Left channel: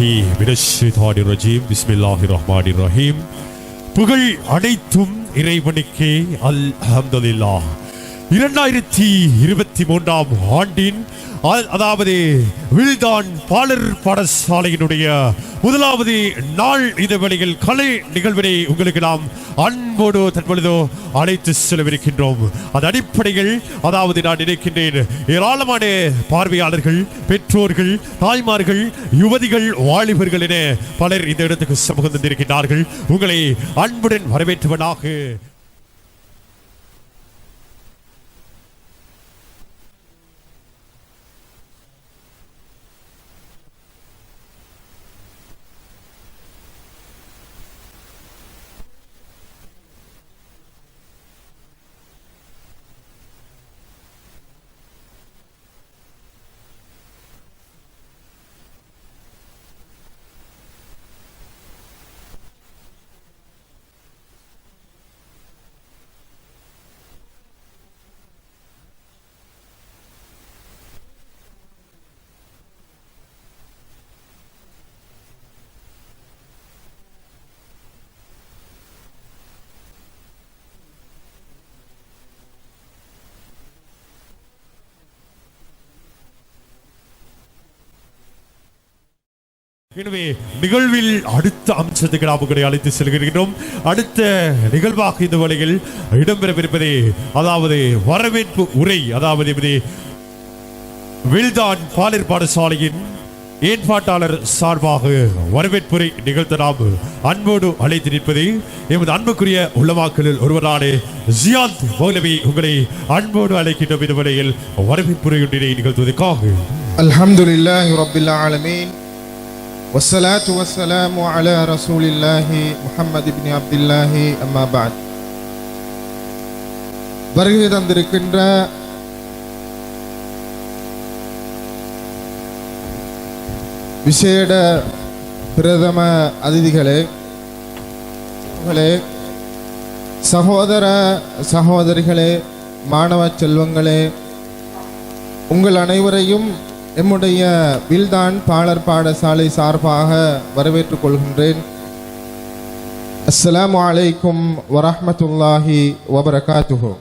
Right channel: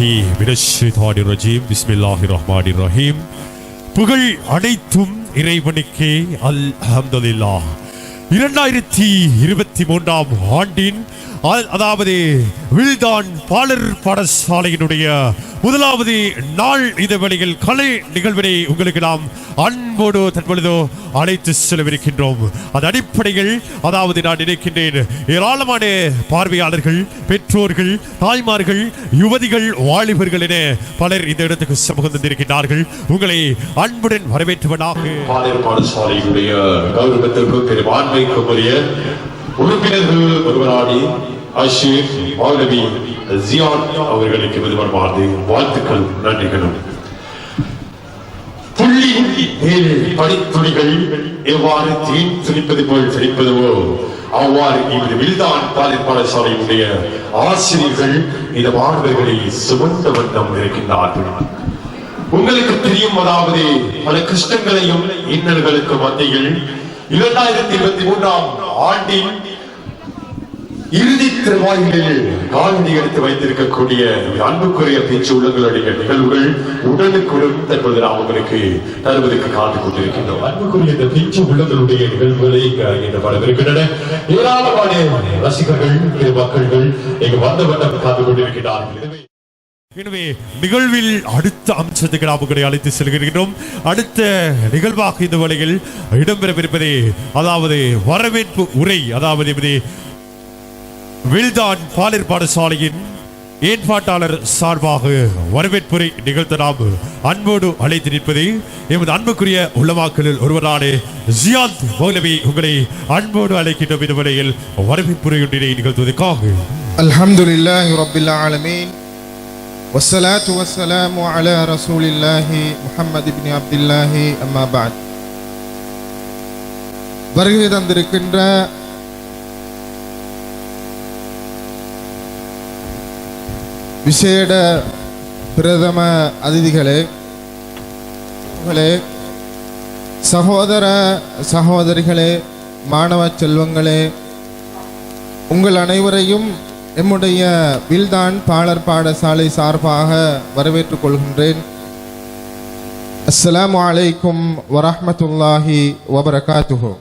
பிஸ்மில்லாஹிர்ரஹ்மானிர்ரஹீம். புகழ் அனைத்தும் இறைவனுக்கே. அல்ஹம்துலில்லாஹ். 2023ஆம் ஆண்டின் அதாவது வில்தான் பாலர் பாடசாலையினுடைய முதலாவது நாள் இந்த வேளையில் கலை நிகழ்வினை உங்களுக்கு நாம் அன்போடு தற்பொழுதோ அழைத்து செல்லவிருக்கின்றோம். அது அடிப்படையில் அதாவது நான் நினைக்கின்றேன் ஏராளமான பார்வையாளர்கள், பெற்றோர்கள், தாய்மார்கள், யுவதிகள், வாலிபர்கள் என பலர் இந்த இடத்துக்கு சமூகம் தந்திருக்கின்றார்கள். உங்களை அன்புடன் வரவேற்றுவனாக. பாலர் பாடசாலையினுடைய கௌரவத்திற்கு பெரும்பான்மைக்குரிய உறுப்பினர்கள் ஒருவராடி அஷீர் மௌலவி ஜியான் அவர்களுக்கு விரும்பமானது வாழ்த்துக்கள், நன்றிகளும். புள்ளி மேல் படித்துளிகள் எவ்வாறு தேன் துணிப்பது போல் துணிப்பதுவோ அவ்வாறு இந்த வில்தான் பாலர் பாடசாலையினுடைய ஆசிரியர்கள் இந்த மாணவர்களை சுமந்த வண்ணம் இருக்கின்றார்கள். உங்களுக்கு தெரியும், அதாவது பல கஷ்டங்களையும் இன்னல்களுக்கு மத்தியில் 2023ஆம் ஆண்டின் இறுதி திருவாயிலில் காலடி எடுத்து வைத்திருக்கக்கூடிய அன்புக்குரிய பேச்சு உள்ளங்களுடைய நிகழ்வுகள் உடனுக்குடன் தற்போது நாம் உங்களுக்கு தருவதற்கு காத்துக் கொண்டிருக்கின்றோம். அன்புக்குரிய இந்த பேச்சு உள்ளங்களுடைய நிகழ்வுகளை இங்கு வரவிருக்கின்றன. ஏராளமான ரசிகர்கள், மக்கள்கள் இங்கு வந்த வண்ணம் காத்துக் கொண்டிருக்கிறார்கள். எனவே நிகழ்வில் அடுத்த அம்சத்துக்கு நாம் உங்களை அழைத்து செல்கிறோம். அடுத்த நிகழ்வாக இந்த வேளையில் இடம்பெறவிருப்பதே அதாவது வரவேற்பு உரை, அதாவது வில்தான் பாலர் பாடசாலையின் ஏற்பாட்டாளர் சார்பாக வரவேற்புரை நிகழ்த்த நாம் அன்போடு அழைத்து நிற்பது எமது அன்புக்குரிய உள்ளமாக்களில் ஒருவரான ஜியாத் மௌலவி உங்களை அன்போடு அழைக்கின்ற இந்த வேளையில் வரவேற்புரை ஒன்றினை நிகழ்த்துவதற்காக. அல்ஹம்துலில்லாஹி ரப்பில் ஆலமீன் வஸ்ஸலாத்து வஸ்ஸலாமு அலா ரசூலில்லாஹி முஹம்மது இப்னு அப்துல்லாஹி அம்மா பஅத். வருகை தந்திருக்கின்ற விசேட பிரதம அதிதிகளே, சகோதர சகோதரிகளே, மாணவ செல்வங்களே, உங்கள் அனைவரையும் எம்முடைய வில்தான் பாலர் பாடசாலை சார்பாக வரவேற்றுக் கொள்கின்றேன். அஸ்ஸலாமு அலைக்கும் வரஹ்மத்துல்லாஹி வபரகாத்துஹு.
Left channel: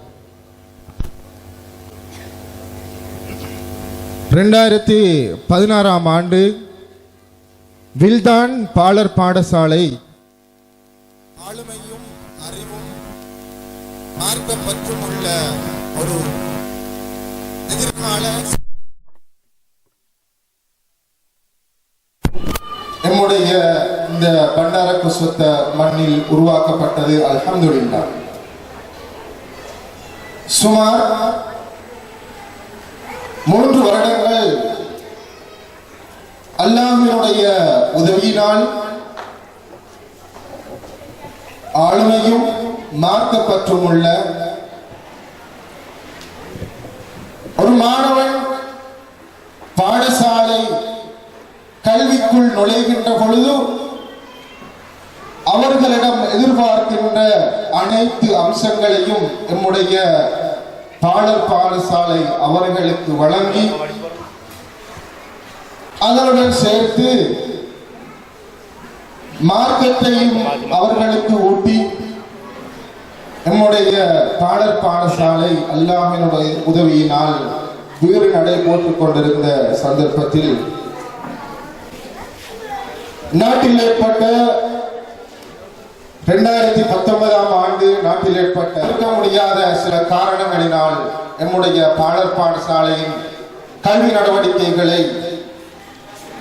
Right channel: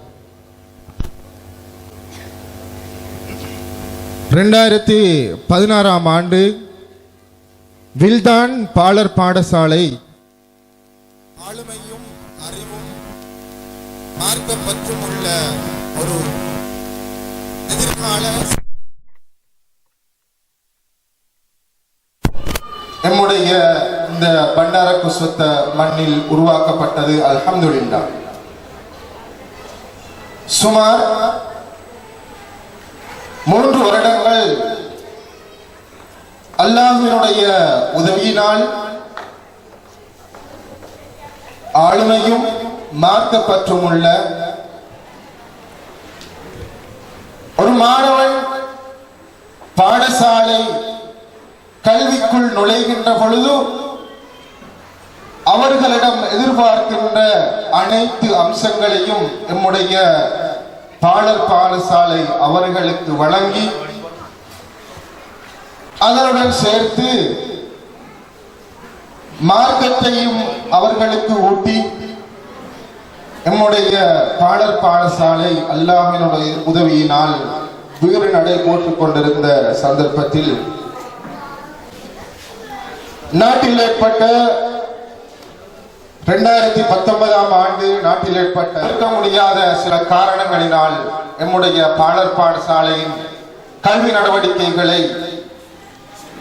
2016ஆம் ஆண்டு வில்தான் பாலர் பாடசாலை ஆளுமையும் அறிவும் மார்க்கப்பற்றும் உள்ள ஒரு எதிர்கால நம்முடைய இந்த பண்டார குஸ்வத்த மண்ணில் உருவாக்கப்பட்டது. அல்ஹம்துலில்லாஹ். சுமார் 3 வருடங்கள் அல்லாஹ்வினுடைய உதவியினால் ஆளுமையும் மார்க்கப்பற்றும் உள்ள ஒரு மாணவன் பாடசாலை கல்விக்குள் நுழைகின்ற பொழுது அவர்களிடம் எதிர்பார்க்கின்ற அனைத்து அம்சங்களையும் நம்முடைய பாலர் பாடசாலை அவர்களுக்கு வழங்கி அதனுடன் சேர்த்து மார்க்கத்தையும் அவர்களுக்கு ஊட்டி நம்முடைய பாலர் பாடசாலை அல்லாஹ்வினுடைய உதவியினால் வீறு நடை போட்டுக் கொண்டிருந்த சந்தர்ப்பத்தில் நாட்டில் ஏற்பட்ட 2019ஆம் ஆண்டு நாட்டில் ஏற்பட்ட இருக்க முடியாத சில காரணங்களினால் நம்முடைய பாலர் பாடசாலையின் கல்வி நடவடிக்கைகளை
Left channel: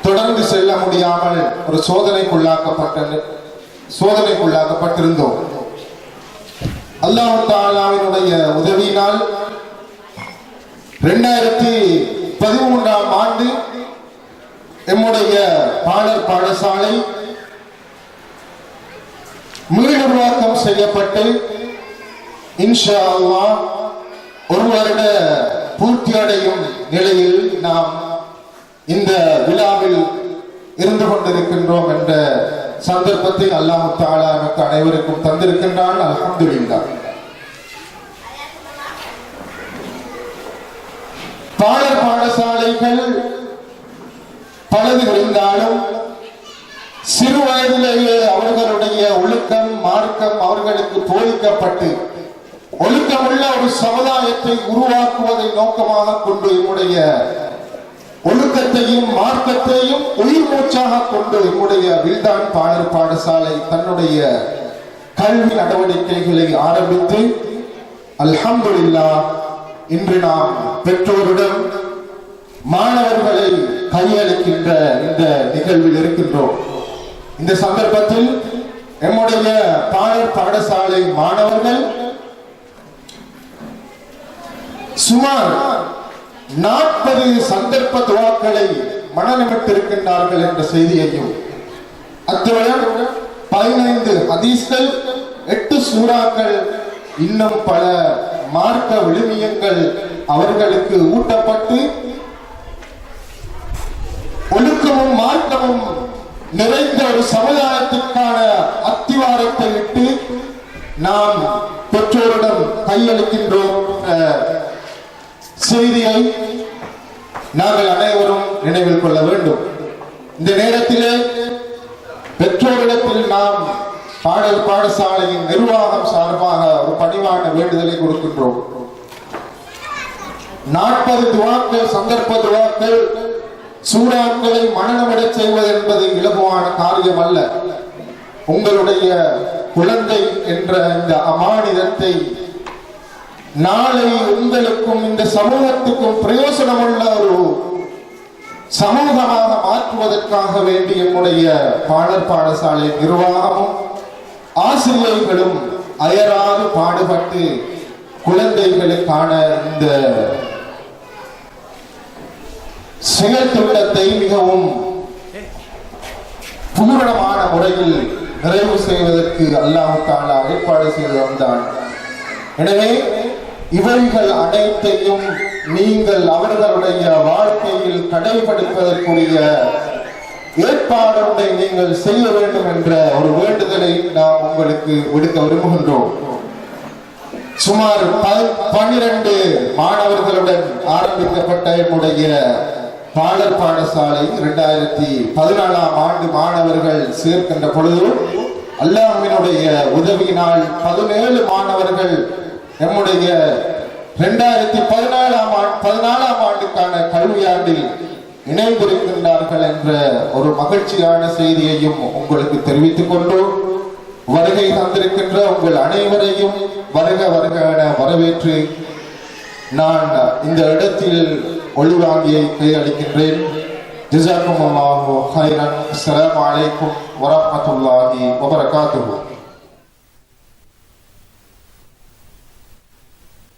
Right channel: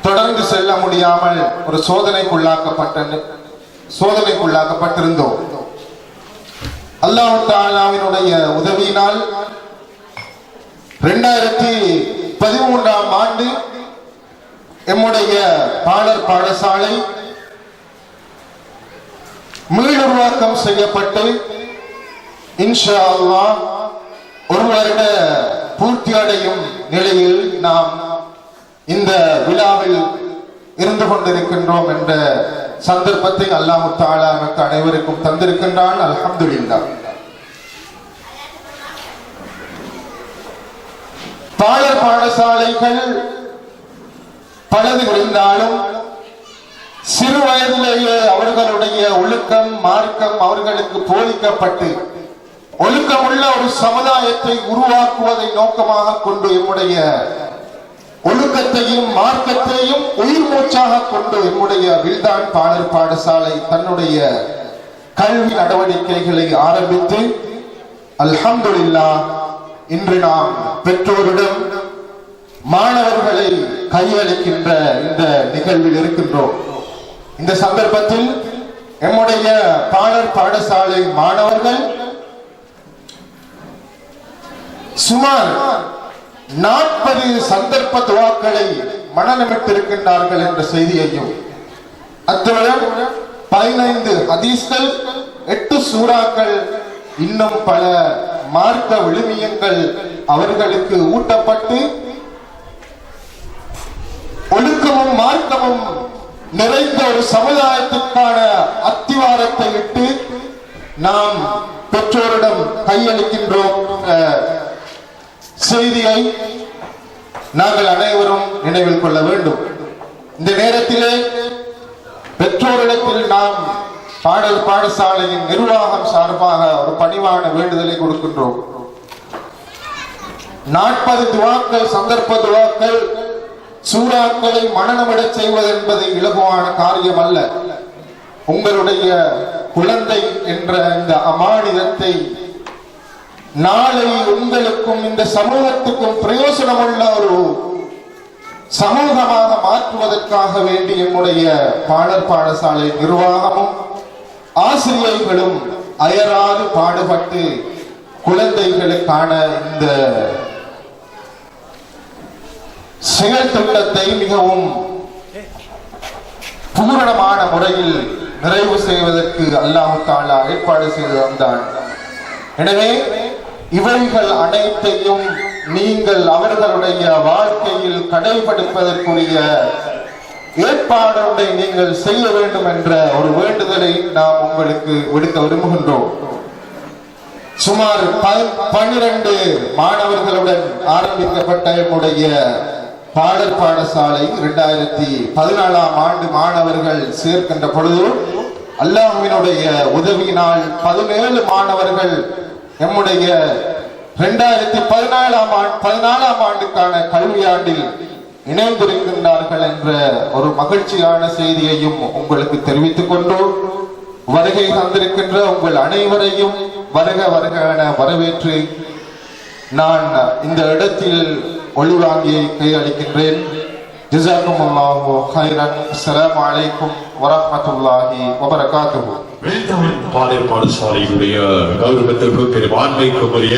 தொடர்ந்து செல்ல முடியாமல் ஒரு சோதனைக்குள்ளாக்கப்பட்டிருந்தோம். அல்லாஹ் தஆலாவினுடைய உதவியினால் 2013ஆம் ஆண்டு நம்முடைய பாலர் பாடசாலை மீளுருவாக்கம் செய்யப்பட்டு இன்ஷா அல்லாஹ் ஒரு வருட பூர்த்தி அடையும் நிலையில் நாம் இந்த விழாவில் இருந்து கொண்டிருக்கின்றோம் என்ற சந்தர்ப்பத்தை அல்லாஹ் தஆலா நமக்கு அனைவருக்கும் தந்திருக்கின்றான். அல்ஹம்துலில்லாஹ். பாலர் பாடசாலைகள் பலது இருந்தாலும் மார்க்கம் அவர்களுக்கு போதிக்கப்பட்டு ஒழுக்கமுள்ள ஒரு சமுதாயத்தை உருவாக்குவதை நோக்கமாக கொண்டு நம்முடைய ஒழுக்கத்தையும் மார்க்கத்தையும் உயிர் மூச்சாக கொண்டு நம்முடைய வில்தான் பாடர் பாடசாலை தன்னுடைய கல்வி நடவடிக்கைகளை ஆரம்பித்து அல்ஹம்துலில்லாஹ் இன்று நாம் பெற்றோரிடம் மாணவர்களை கையளிக்கின்ற இந்த நிகழ்வில் இருக்கின்றோம். இந்த சந்தர்ப்பத்தில் நம்முடைய பாடர் பாடசாலை மாணவர்கள் சுமார் 40 சந்தர்ப்ப துவாக்களை மனநமிட்டிருக்கின்றார்கள் என்ற செய்தியையும் அத்துடன் 15 ஹதீஸ்கள் 8 சூறாக்கள் இன்னும் பல மார்க்க விழுமியங்கள் அவர்களுக்கு ஊட்டப்பட்டு ஒழுக்கமும் மார்க்கமும் நிறைந்த ஒரு சமுதாயத்திற்கான அத்திவாரத்தை இட்டு நாம் பெற்றோரிடம் கையளிக்கின்றோம் செய்தியை நாங்கள் அனைவரும் நினைவில் கொள்ள வேண்டும். இந்த நேரத்திலே பெற்றோரிடத்தில் நாம் பாடசாலையின் நிர்வாகம் சார்பாக ஒரு பணிவான வேண்டுதலை கொடுக்கின்றோம். 40 துவாக்கள் சந்தர்ப்ப துவாக்கள் சூறாக்களை மனநமிடச் செய்வது என்பது இலகுவான காரியம் அல்ல. உங்களுடைய குழந்தை என்ற இந்த அமானிதத்தை நாளை உங்களுக்கும் இந்த சமூகத்துக்கும் பிரயோசனமுள்ள ஒரு சமூகமாக மாற்றுவதற்காக வேண்டி நம்முடைய பாடர் பாடசாலை நிர்வாகமும் ஆசிரியர்களும் அயராது பாடுபட்டு குழந்தைகளுக்கான இந்த செயல் திட்டத்தை மிகவும் பூரணமான முறையில் நிறைவு செய்வதற்கு அல்லாஹ் தஆலா ஏற்பாடு செய்து வந்தான். எனவே இவைகள் அனைத்தையும் நீங்கள் அவர்களுடைய வாழ்க்கையில் கடைபிடிப்பதற்குரிய ஏற்பாடுகளை நீங்கள் செய்ய வேண்டும் என்ற ஒரு வேண்டுதலை நாம் உங்களுக்கு விடுக்க விரும்புகின்றோம். சுமார் 12 மாணவர்களுடன் ஆரம்பிக்கப்பட்ட என்னுடைய பாடர் பாடசாலை 2014ஆம் ஆண்டு மாணவர்கள் சேர்க்கின்ற பொழுது அல்லாஹ்வினுடைய உதவியினால் 17 மாணவர்கள் நம்முடைய 2014ஆம் ஆண்டுக்கான கல்வியாண்டில் இணைந்திருக்கின்றார்கள் என்ற ஒரு மகிழ்ச்சியான செய்தியையும் உங்களுக்கு தெரிவித்துக் கொண்டு வருகை தந்திருக்கின்ற உங்கள் அனைவரையும் வருக வருக என வரவேற்று நான் இந்த இடத்தில் ஒளிவாங்கியை கையளிக்கின்றேன். ஜஸாக்குமுல்லாஹு கைரன். அஸ்ஸலாமு அலைக்கும் வரஹ்மத்துல்லாஹி வபரகாத்துஹு. பாடர் பாடசாலையுடைய கௌரவத்திற்கு பெரும்பான்மைக்கு உரிய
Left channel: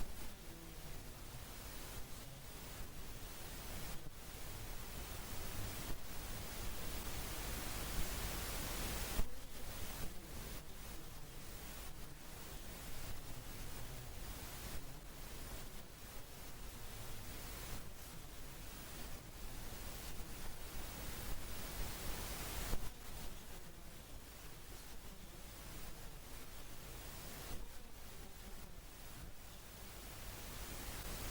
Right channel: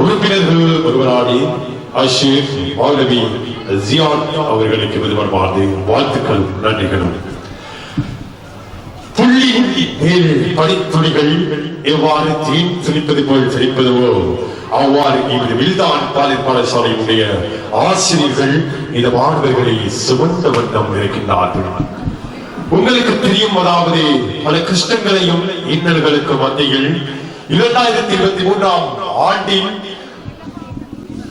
உறுப்பினர்கள் ஒருவராடி அஷீர் மௌலவி ஜியான் அவர்களுக்கு விரும்பமானது வாழ்த்துக்கள் நன்றிகளும். புள்ளி மேல் படித்துளிகள் எவ்வாறு தீன் துணிப்பது போல் துணிப்பதுவோ அவ்வாறு இந்த வில்தான் பாடர் பாடசாலையுடைய ஆசிரியர்கள் இந்த மாணவர்களை சுமந்த வண்ணம் இருக்கின்றார்கள். உங்களுக்கு தெரியும், அதாவது பல கஷ்டங்களையும் இன்னல்களுக்கு மத்தியில் 2023ஆம் ஆண்டின்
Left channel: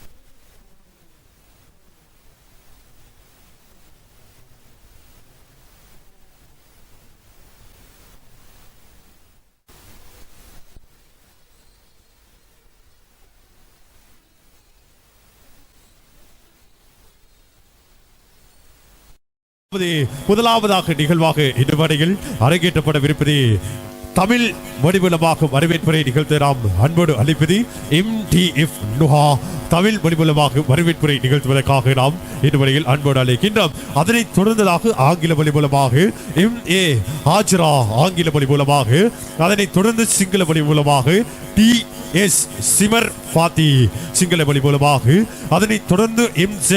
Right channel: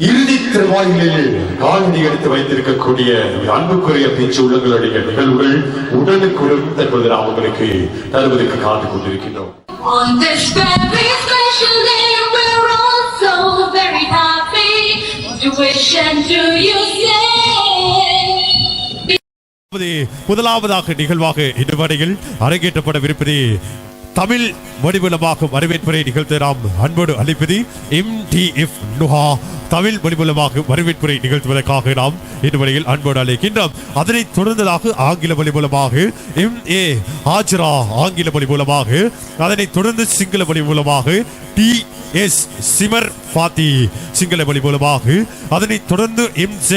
இறுதி திருவாயிலில் காலடி எடுத்து வைத்திருக்கக்கூடிய அன்புக்குரிய பேச்சு உள்ளங்களுடைய நிகழ்வுகள் உடனுக்குடன் தற்போது நாம் உங்களுக்கு தருவதற்கு காத்து கொண்டிருக்கின்றோம். On this very special day, we're all so very happy. To wish and to you say. முதலாவதாக நிகழ்வாக இந்த வரையில் அரங்கேற்றப்படவிருப்பது தமிழ் மொழிமூலமாக வரவேற்புரை நிகழ்த்த நாம் அன்போடு அழைப்பது MTF நுஹா தமிழ் மொழிமூலமாக வரவேற்புரை நிகழ்த்துவதற்காக நாம் இந்த வரையில் அன்போடு அழைக்கின்றோம். அதனைத் தொடர்ந்ததாக ஆங்கில மொழி மூலமாக MA ஹாஜரா ஆங்கில மொழி மூலமாக, அதனைத் தொடர்ந்து சிங்கள மொழி மூலமாக TS சிமர் ஃபாத்தி சிங்கள மொழி மூலமாக, அதனைத் தொடர்ந்து MZ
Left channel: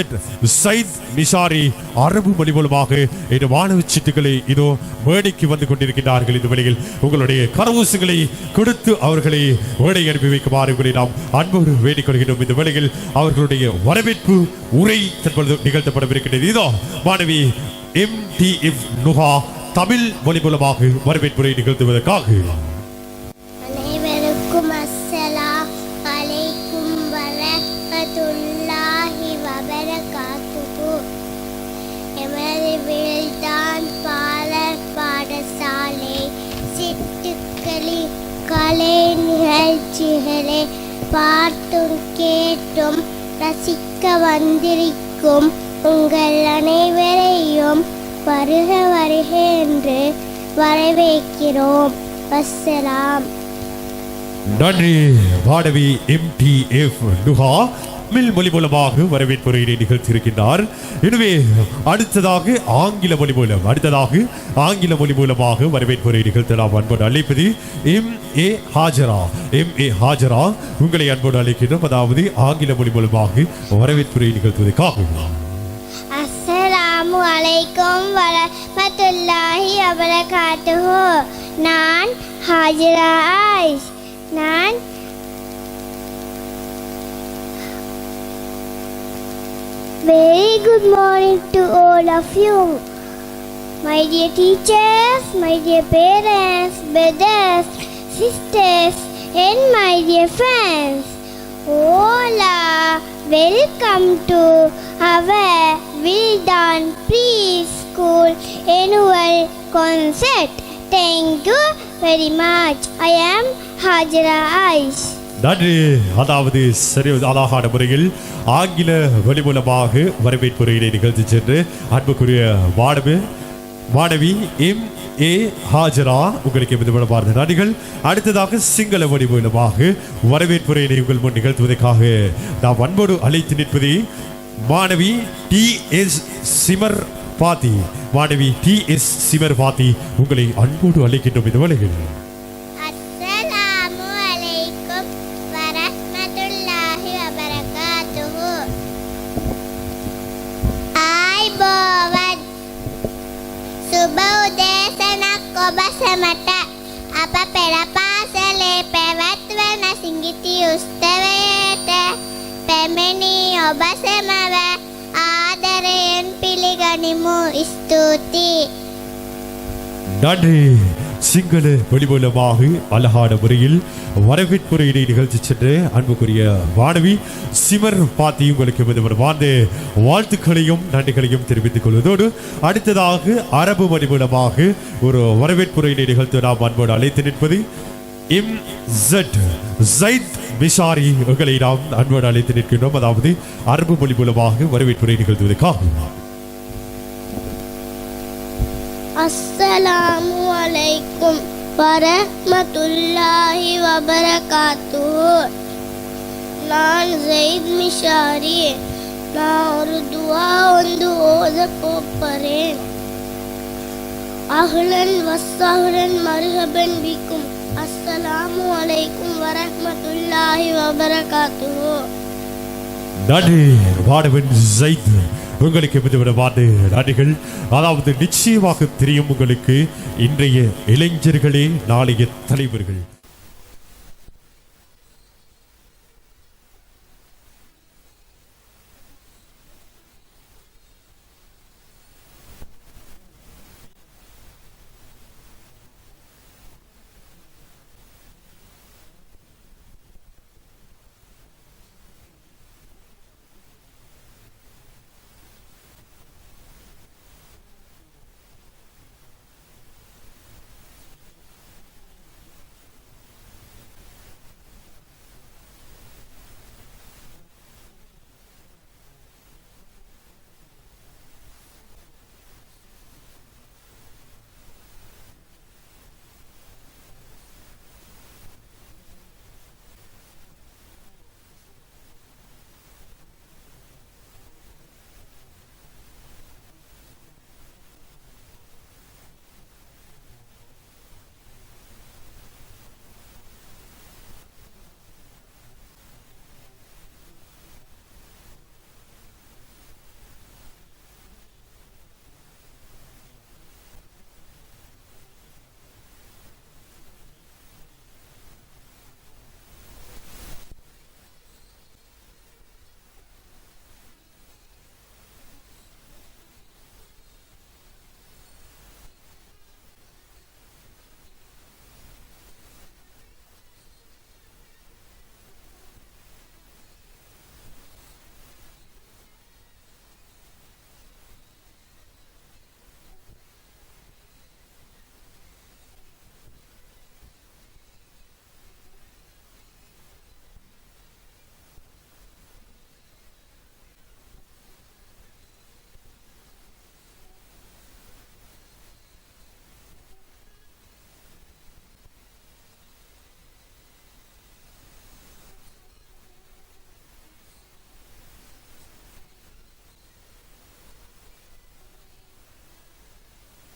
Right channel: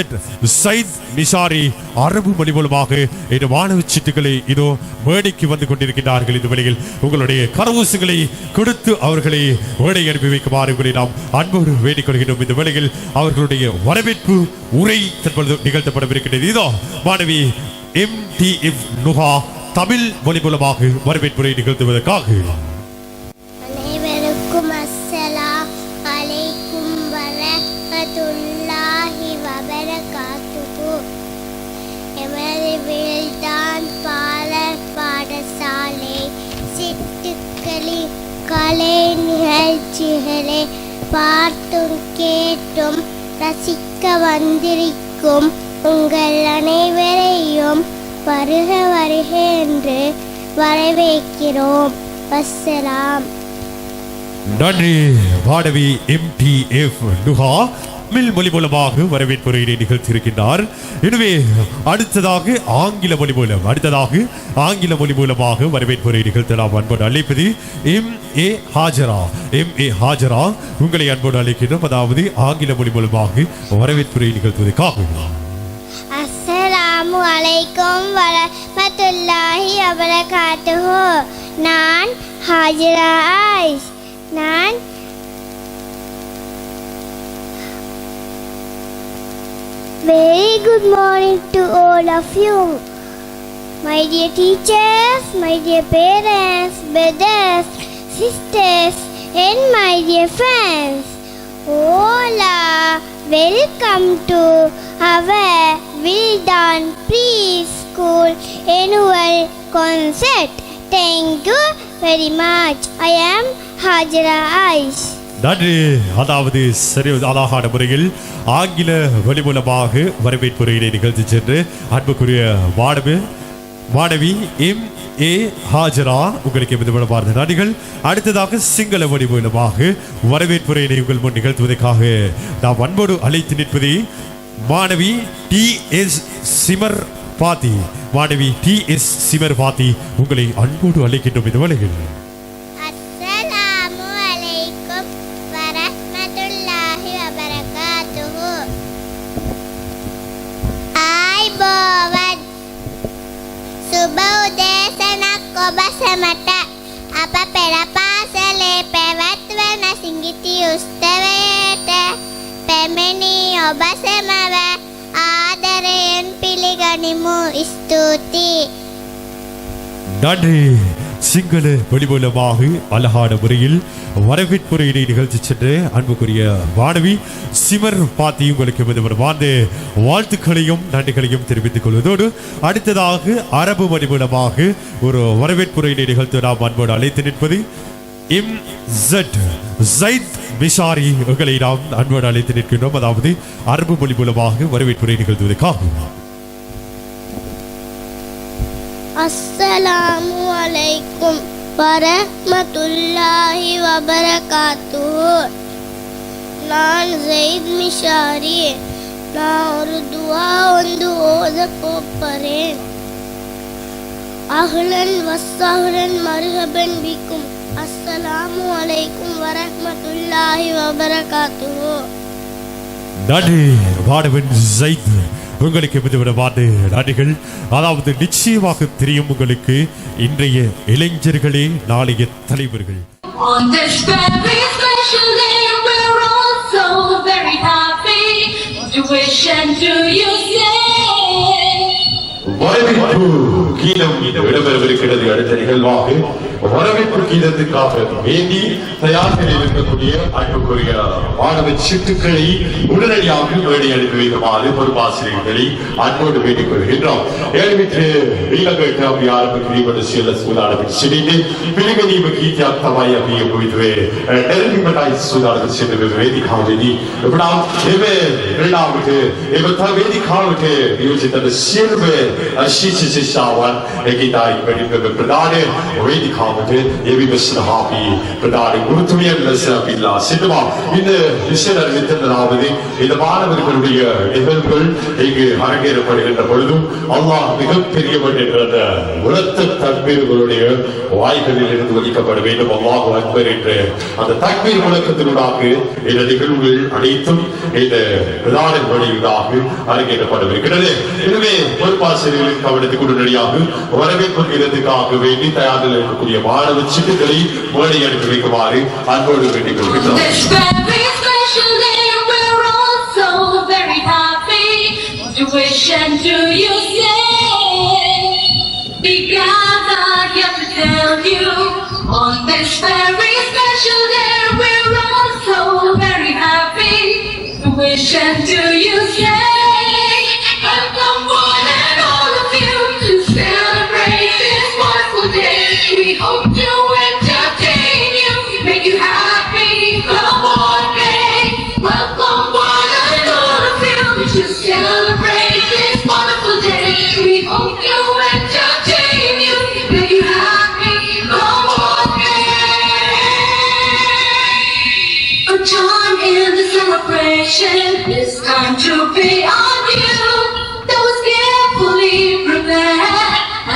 சைத் நிசாரி அரபு மொழி மூலமாக இந்த மாணவ சீட்டுகளை இதோ மேடைக்கு வந்து கொண்டிருக்கிறார்கள். இந்த வழியில் உங்களுடைய கரவூசுகளை கொடுத்து அவர்களை மேடை அனுப்பி வைக்குமாறு உங்களை நாம் அன்போடு வேண்டிக் கொள்கிறோம். இந்த வேளையில் அவர்களுடைய வரவேற்பு உரை தற்பொழுது நிகழ்த்தப்படவிருக்கிறது. இதோ மாணவி MTF நுஹா தமிழ் மொழி மூலமாக வரவேற்புரை நிகழ்த்துவதற்காக. அனைவருக்கும் அஸ்ஸலாம் அலைக்கும் வரஹ்மத்துல்லாஹி வபரகாத்துஹு. எமது வில்தான் பாடர் பாடசாலை சிட்டு கலை நிகழ்ச்சிகளை பார்த்தும் கேட்டும் ரசிக்க வந்திருக்கும் உங்கள் அனைவரையும் வருக வருக என்று வரவேற்கிறோம். வஸ்ஸலாம். நன்றி மாணவி MTF நுஹா தமிழ் மொழி மூலமாக வரவேற்புரையினை நிகழ்த்தியிருக்கின்றார். எனவே அடுத்ததாக ஆங்கில மொழி மூலமாக வரவேற்புரை நிகழ்த்தலாம் அன்போடு அழைப்பது MA ஹாஜரா உங்களை அன்போடு அழைக்கின்றோம். அதாவது ஆங்கில மொழி மூலமாக வரவேற்புரை நிகழ்த்துவதற்காக. அஸ்ஸலாமு அலைக்கும் வரஹ்மத்துல்லாஹி வபரகாத்துஹு. நான் ஹாஜரா ஆயிஷ். நான் very good morning to all of you. My dear teachers, my dear parents, brothers, sisters, and my dear friends. Hola, welcome to our Wildan Preschool Annual Concert. Thank you very much. I am Hajra Aish. நன்றி. அதாவது சரி அழகான முறையில் ஆங்கில வழி மூலமாக வரவேற்புரையினை நிகழ்த்தி சென்று அன்புக்குரிய மாணவி MA ஹாஜரா உங்களுக்கு விதமான நன்றிகள். அடுத்ததாக சிங்கள வழி மூலமாக வரவேற்புரையினை உங்கள் முன் நிகழ்த்துவதற்காக நாம் அன்போடு அழைத்து நிற்பது மாணவி TS சிமர் பாத்தி உங்களை அன்போடு அழைக்கின்றோம். இந்த வேளையில் அஸ்ஸலாமு அலைக்கும் வரஹ்மத்துல்லாஹி வபரகாத்துஹு. ආයිබෝවන් සුබ උදෑසනක් ඔබ සැමට. අප පෙර පාසලේ පැවැත්වෙන සිඟිති උත්සවයට පැමිණි ඔබ සැමව ආදරයෙන් පිළිගනිමු. ස්තුතියි. நன்றி. சிங்கள வழி மூலமாக அழகான முறையில் வரவேற்புரையினை நிகழ்ச்சி சென்று அன்புக்குரிய மாணவி சிமர் பாத்தி உங்களுக்கு வாழ்ந்த வாழ்த்துக்களையும் நன்றிகளையும் தெரிவித்துக் கொள்வதோடு அடுத்ததாக அரபு வழி மூலமாக ஒரு வரவேற்புரையினை நிகழ்த்து நாம் அன்போடு அழைத்து நிற்பது ஜைத் மிஷாரி உங்களை நாம் அன்போடு அழைத்து நிற்கின்றோம். அதாவது அரபு மொழி மூலமாக வரவேற்புரை நிகழ்த்துவதற்காக. அஸ்ஸலாமு அலைக்கும் வரஹ்மத்துல்லாஹி வபரகாத்துஹு. நான் ஜெயித் மிஷாரி. நான் ஒரு துவா வந்து ஓத போறேன். அஹ்லன் வஸ்ஸஹ்லன் மர்ஹபன் பிக்கும். அஸ்ஸலாமு அலைக்கும் வரஹ்மத்துல்லாஹி வபரகாத்துஹு. நன்றி மாணவன் ஜெயித் உங்களுக்கு விதவிதமான நன்றிகள். அதாவது நிச்சயமாக தெரியும் உங்களுக்கு இன்றைய இளைஞர்களே நாளைய தலைவர்கள். On this very special day, we're all so very happy to wish and to you say. வரவேற்பு கீதம் இடம்பெறவிருக்கிறது. அடுத்த நிகழ்வாக வரவேற்பு கீதத்துக்காக வேண்டி தயார் நிலையில் இருக்கக்கூடிய அன்புக்குரிய மாணவ சிட்டுக்களை உடனடியாக மேடை அனுப்பி வைக்குமாறு பொறுப்பாசிரியர்களை அன்போடு வேண்டிக் கொள்கின்றோம். ஏழுமிற்று ඊළඟට අපි ආරම්භ කිරීමට සියලු සූදානම් සිටින්නේ පිළිගැනීම ගීතයක් තමයි අපි යොමුවේ එල්ලිමටයි සූදානම් සිටින වේදිකාවේදී අපනා එමෙ වෙලාවට එවත වේදිකාවට නියෝජිත සියලුම ශිෂ්‍යයන් ඒකිතායි වෙදික ප්‍රදාන වේදිකාවට එවි සහාපි ප්‍රදාන ගුරුතුමියන් ලෙස අපිලා සිටවා இந்த விஷயம் நிறுத்தலாவது இந்த மாணவர்களுடைய நிகழ்வுகள் இங்கு அரங்கேறப்படுகின்ற பொழுதும் அல்லாஹ் மிகப்பெரியவன் என்ற உரத்த தக்பீர்களுடைய வாய்களில் இருந்து ஒலிக்கப்பட வேண்டும். அல்லாஹ் அக்பர் என்று அந்த தக்பீர் முழக்கத்தினூடாக இந்த நிகழ்வுகள் அனைத்தும் இந்த பிரதான வழியிலாக அரங்கேற்றப்படவிருக்கிறது. எனவே பொறுப்பாசிரியர்களின் கவனத்துக்கு உடனடியாக வரவேற்பு கீதத்துக்காக வேண்டி தயாரில் இருக்கக்கூடிய மாணவ சிட்டுக்களை மேடை அனுப்பி வைக்குமாறு அன்போடு வேண்டிக் கொள்கின்றோம். This very special day, we're all so very happy to wish and to you say. We gather here to tell you on this very special day, we're all so very happy to wish and to you say. Welcome one and all of you to celebrate this wonderful day. We hope to entertain you.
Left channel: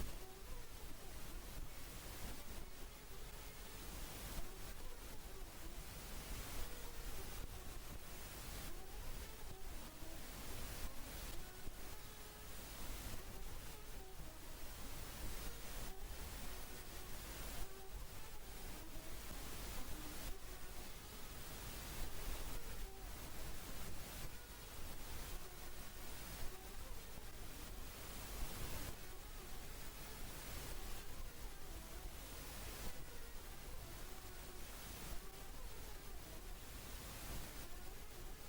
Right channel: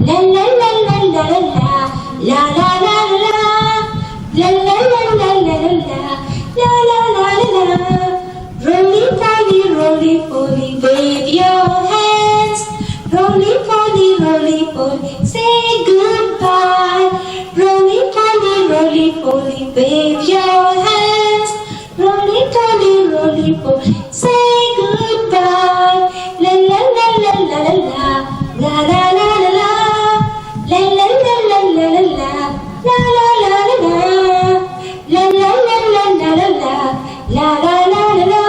La la la la la la la la la la la. La la la la la la la la la la la. Roly poly, wave your hands. Roly poly, say goodbye. Roly poly, wave your hands. Roly poly, say goodbye. La la la la la la la la la la la. La la la la la la la la la la la la. La la la la la la la la la la la la.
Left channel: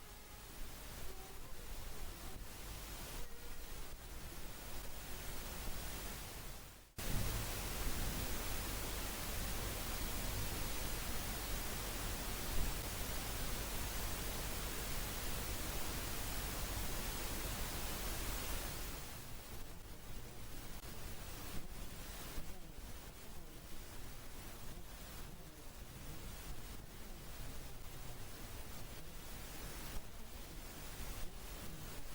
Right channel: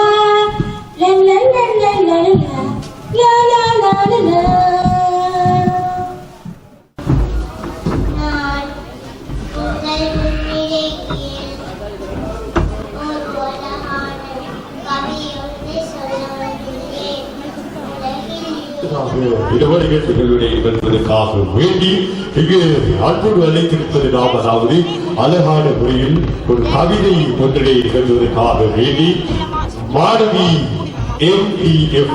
La la la la la la la la la la la. நான் உங்கள் முன்னிலையில் ஒரு அழகான கவியொன்றை சொல்ல வந்துள்ளேன். உலகில் இடவழிகள் நிகழ்வினை நிகழ்வதற்காக வேண்டி இங்கு அன்போடு அழைத்திருப்பது நாம் அதாவது அழகான முறையில் ஒரு கவிதை ஒன்றினை நிகழ்வதற்காக வேண்டி மாணவி MPF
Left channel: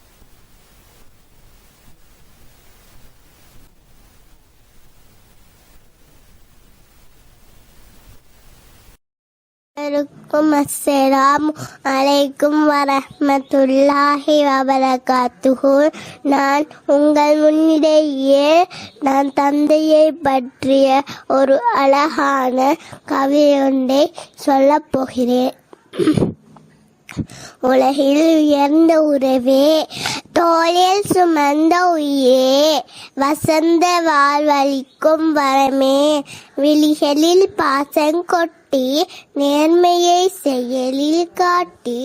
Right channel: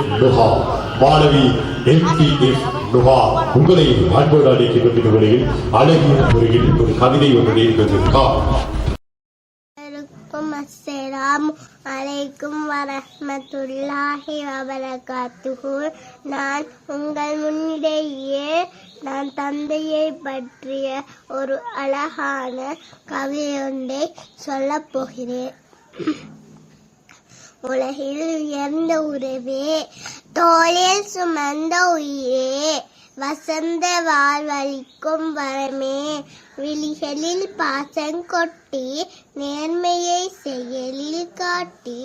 நுஹா உங்களை அன்போடு அழைக்கின்ற நிகழ்வில் அழகிய முறையில் ஒரு கவிதை ஒன்றினை நிகழ்வதற்காக அஸ்ஸலாமு அலைக்கும் வரஹ்மத்துல்லாஹி வபரகாத்துஹு. நான் உங்கள் முன்னிலையே நான் தந்தையை பற்றிய ஒரு அழகான கவியொன்றை சொல்லப் போகிறேன். உலகில் உயர்ந்த உறவே, தோளில் சுமந்த உயிரே, வசந்த வாழ்வளிக்கும் வரமே, விழிகளில் பாசம் கொட்டி நேர்மையை செயலில் காட்டி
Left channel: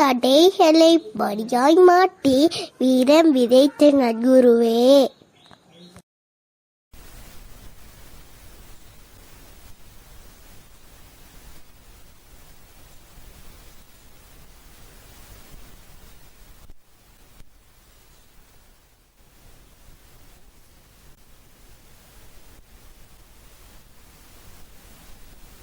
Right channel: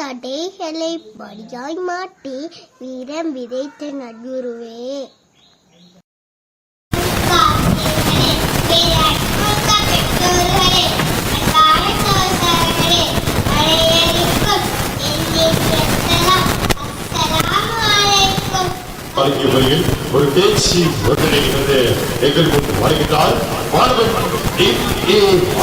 தடைகளை படியாய் மாட்டி வீரம் விதைத்த நற்குருவே. ஒரு பேச்சு ஒன்றினை எங்கள் முன் வருகின்றார். மாணவன்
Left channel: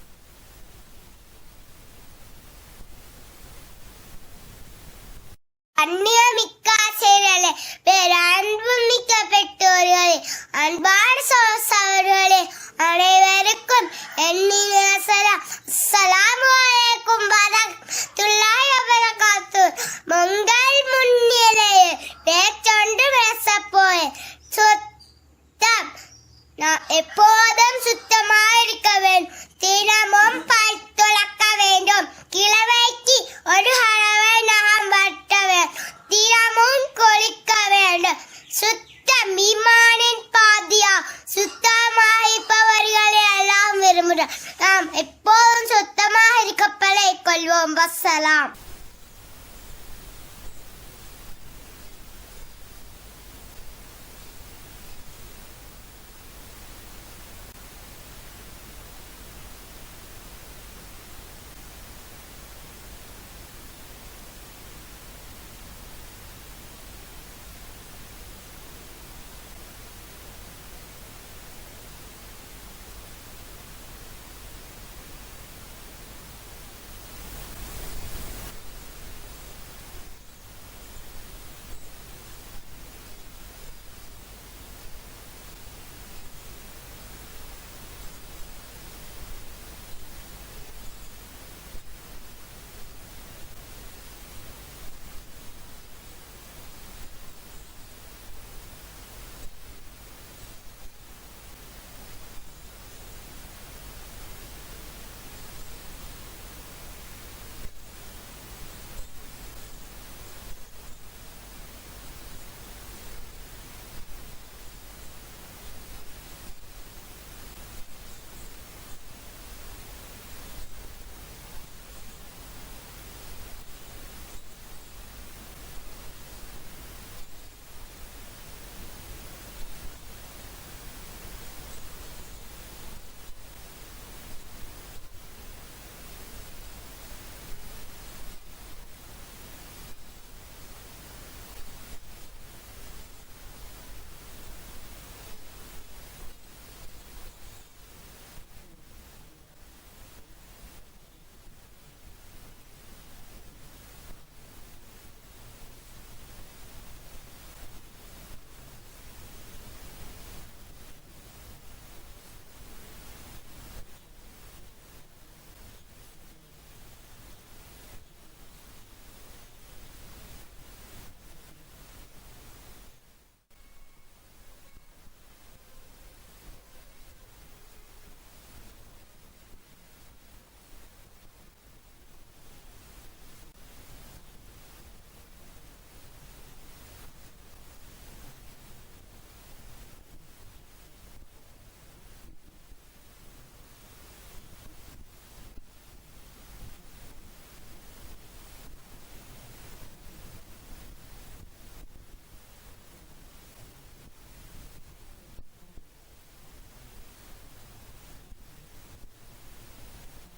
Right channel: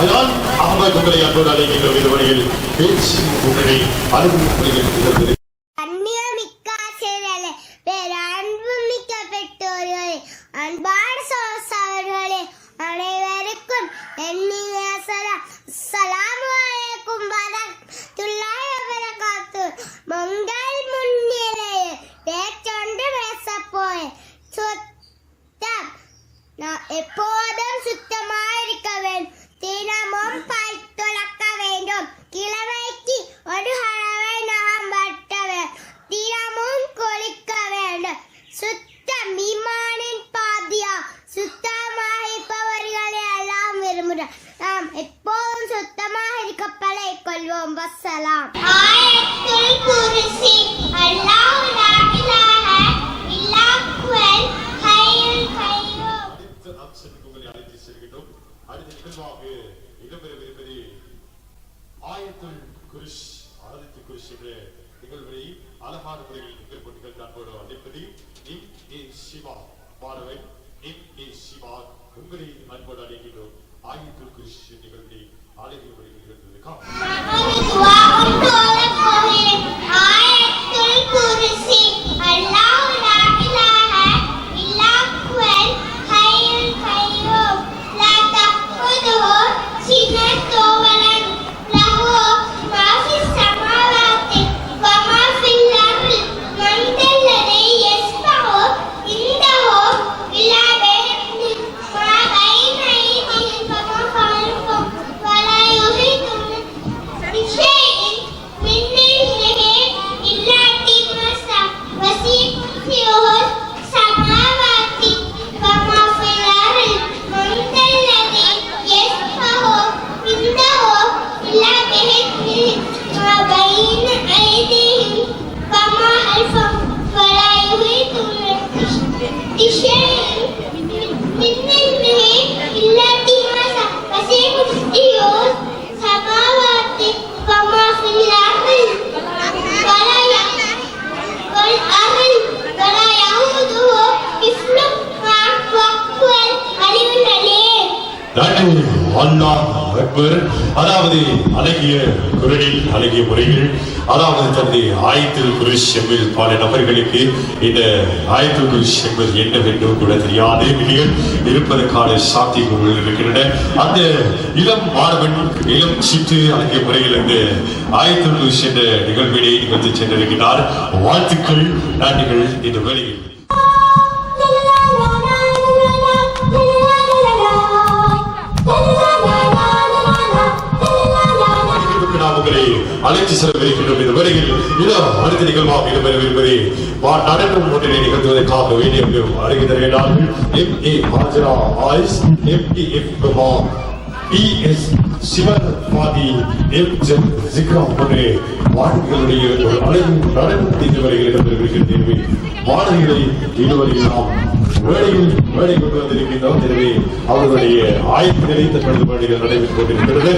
அயான் அகமது உங்களை அன்போடு அழைக்கின்ற விதவழியில் பேச்சு ஒன்றினை அனுபவம் அந்நியமிக்க ஆசிரியர்களே, பேரன்புமிக்க பெற்றோர்களே, அன்பான சகோதரர்களே, அனைவருக்கும் என்னின் சலாம். அஸ்ஸலாமு அலைக்கும் வரஹ்மத்துல்லாஹி வபரகாத்துஹு. உங்கள் முன்னிலையில் பேச்சொன்று பேசப்போறேன். சுத்தம். நான் எப்போதும் சுத்தமாக இருக்க வேண்டும். தினமும் பல் துலக்க வேண்டும். கிழமைக்கு ஒரு அளவை நாம் வெட்ட வேண்டும். தினமும் குளிக்க வேண்டும். சுத்தம் ஈமானின் பாதியா. சுத்தமாக இருப்பவர்களை எல்லாம் விரும்புகிறோம். நாம் எப்போதும் சுத்தமாக இருக்க பழகிக் கொள்வோம். வஸ்ஸலாம். ஆயத்துல் குர்சி. அல்லாஹ் லா இலாஹ இல்லா ஹுவல் ஹய்யுல் கய்யூம். ஆயத்துல் குர்சி. அல்லாஹ் லா இலாஹ இல்லா ஹுவல் ஹய்யுல் கய்யூம். லா தஅഖுதுஹு சினத்துன் வலா லஹு மா ஃபிஸ் ஸமாவாத்தி வ மா ஃபில் அர்தி. மன் தல்லதி யஸ்ஃபஉ இன்தஹு இல்லா பிஇذنஹி. மா பைன ஐதிஹிம் வ மா கல்ஃபஹும் வ லா யுஹீதுன பிஷைஇன் மின் இல்மிஹி இல்லா பிமா வஸிஅ குர்சியுஹு ஸமாவாத்தி வ மா ஃபில் அர்தி. மன் தல்லதி யஸ்ஃபஉ இன்தஹு இல்லா பிஇذنஹி. மா பைன ஐதிஹிம் வ மா கல்ஃபஹும் வ லா யுஹீதுன பிஷைஇன் மின் இல்மிஹி இல்லா பிமா வஸிஅ குர்சியுஹு ஸமாவாத்தி வ மா ஃபில் அர்தி. ولا يعوده حفظهما وهو العلي العليم. அல்லாஹ் அக்பர் அதாவது அழகிய குரலில் அழகிய முறையில் அதாவது தனது ஆயத்துல் குர்ஷ் என்பது பல நபர்களுக்கு இந்த ஆயத்துல் குர்ஷ் என்பது என்னவென்று கூட தெரியாத நிலையில் இருப்பதற்கான சாத்தியங்கள் இருக்கின்றன. அந்த இளம் மாணவன் இளம் சிட்டு அழகிய முறையில் இந்த ஆயத்துல் குர்ஷ் என்ற நிகழ்வினை நிகழ்த்தி சென்றிருக்கிறார். வாழ்த்துக்கள், நன்றிகள். இந்த வேளையில் உங்களை அழைத்து செல்லவிருக்கின்றோம். இந்த வேளையில் அடுத்த நிகழ்வாக இடம்பெறவிருப்பதை நடனம் ஒன்றினை நிகழ்த்துவதற்காக வேண்டிய அருகே தருகிறார்கள். MA Hajara eyes, MTF Kumar, PS Sivan பாதி, MZ ஜிக்ரா போன்ற மாணவிகளுடைய ஒரு அழகு நடனத்தை இந்த வரையில் இடம்பெறவிருக்கிறது. மாணவிகளை இதுவரையில் நாம் வேலை கொண்டு வந்திருக்கின்றோம். எனவே அவர்களுடைய ஆயத்தினை தற்பொழுது வேலைகள் நடைபெற்றுக் கொண்டிருக்கிறது.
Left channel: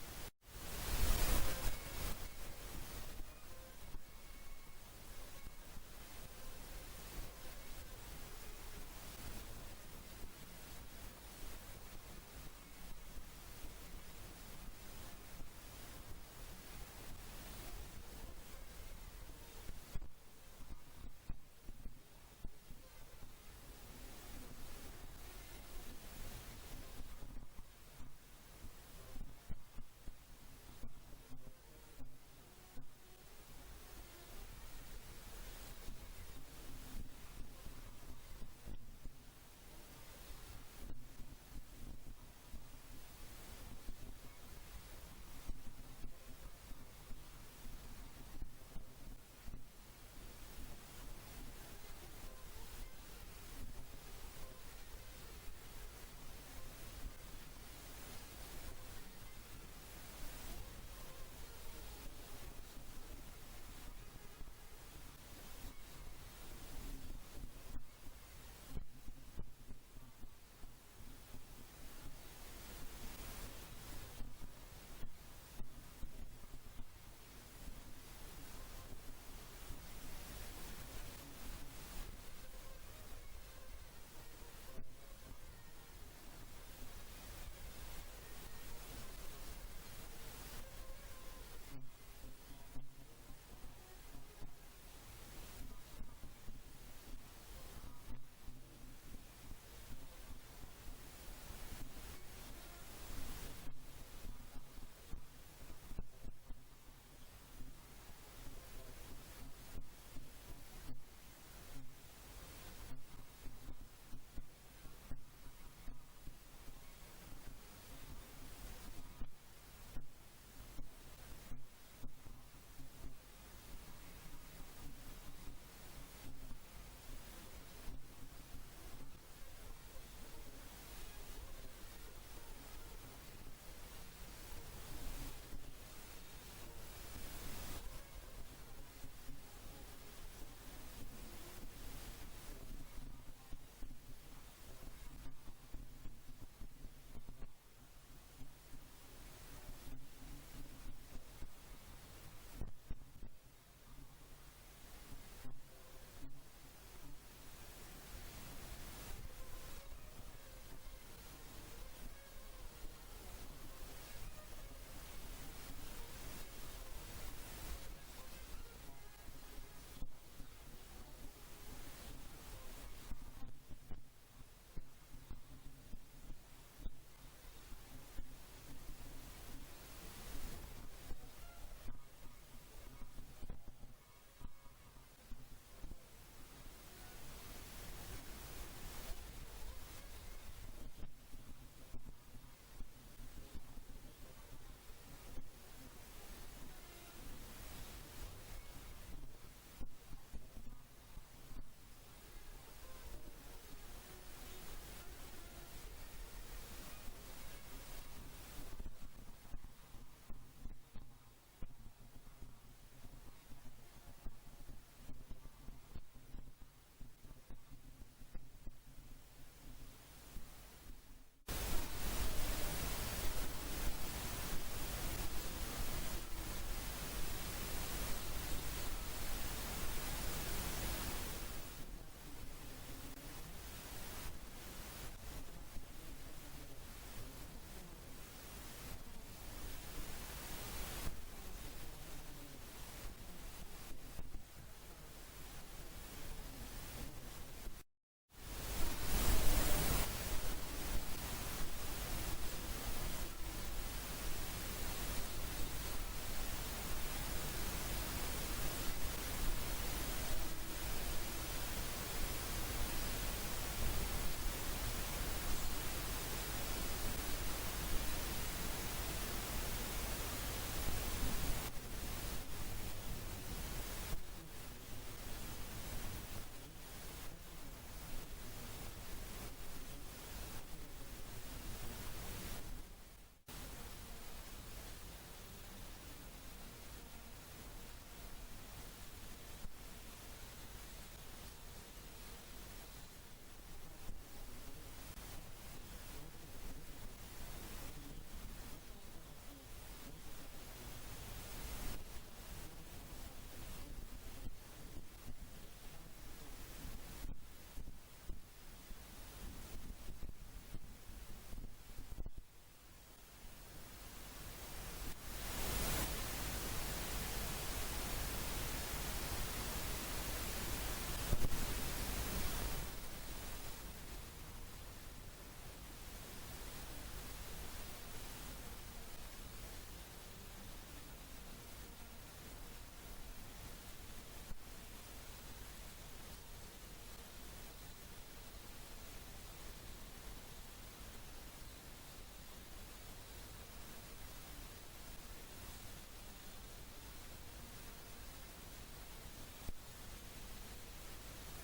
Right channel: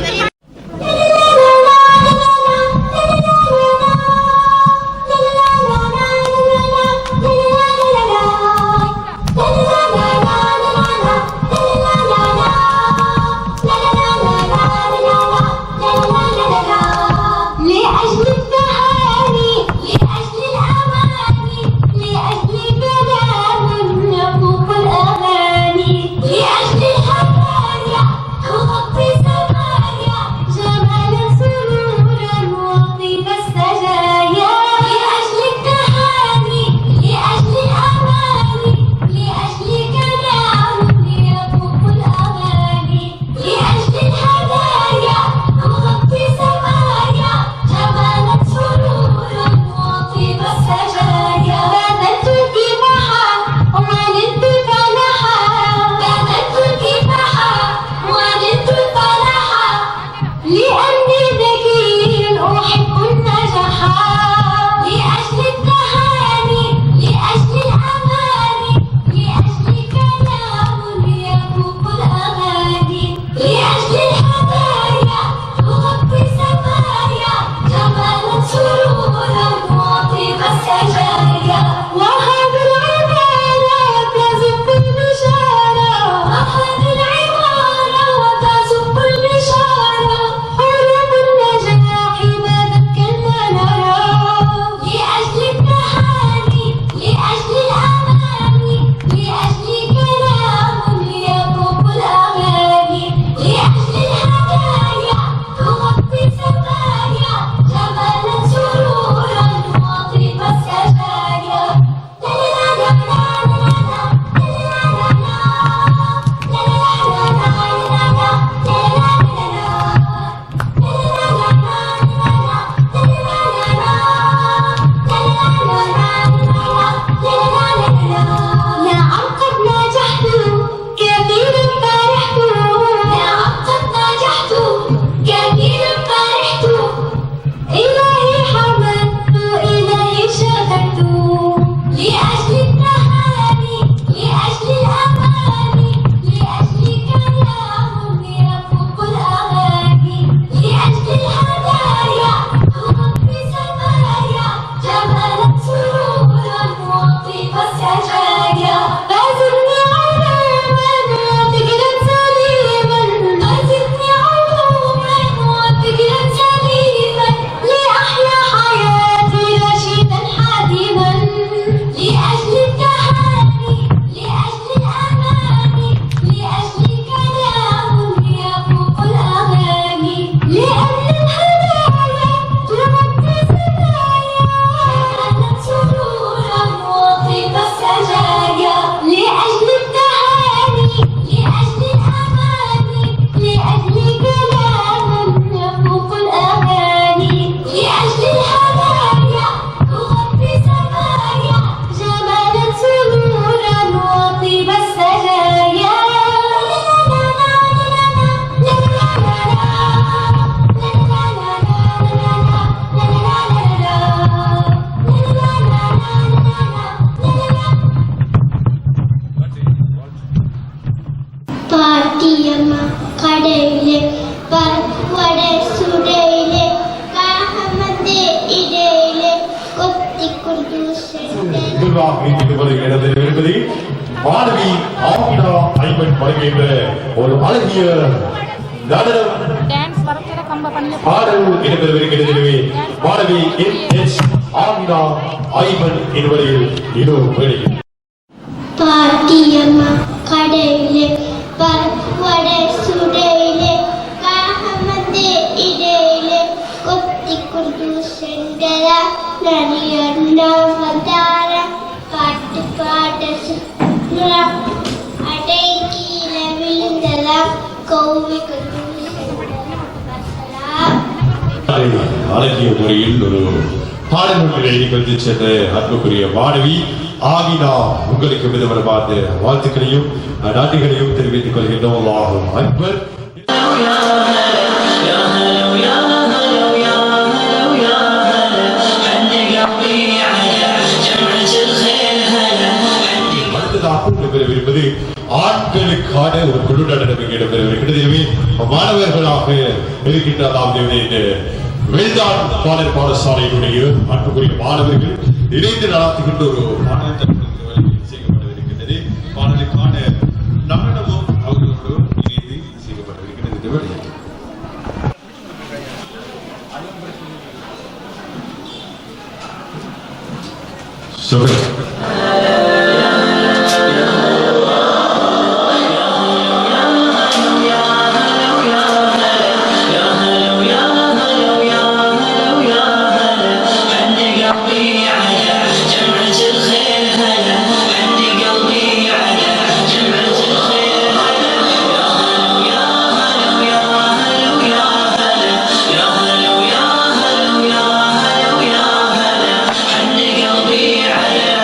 மாணவி ஆமினா ஐமன் வழங்குகின்ற ஒரு அழகிய நடனம் பாடல் இடம்பெறவிருக்கிறது. மாணவி என்.எச். ஆமினா ஐமன் என்பவர்கள் இதோ வெளியில் பாட்டியம்மா கடையிலே பருவட சுடையிலே காகமந்தே இடையிலே கொத்தி கொண்டு சென்றதா நரியண்டா வந்தார பாட்டு பாட சுற்றுலா அடை கீழே விழுந்ததா கௌவி கொண்டு அழகிய முறையில் ஒரு பாடல் ஒன்றில் எழுதி கொண்டு சென்ற அன்புக்குரிய மாணவி ஆமினா உங்களுக்கு விதவரமான வாழ்த்துக்களையும் நன்றிகளையும் தெரிவித்துக் கொள்கின்றோம். அல்லாஹு அக்பர். அடுத்ததாக ஆண்களுக்கான ஒரு குழு நடனம் இடம்பெறவிருக்கிறது. மாணவர்களாக இருக்கின்ற அதாவது வேல்தான் பாடல் பாடசாலையினுடைய அன்புக்குரிய மாணவர்கள் இணைந்து நடத்துகின்ற ஒரு பாடல் செய்யப்படவிருக்கின்றது. பாடலுக்கான நடனமும் அவர்களோடு இணைந்து செய்யப்படவிருக்கிறது. على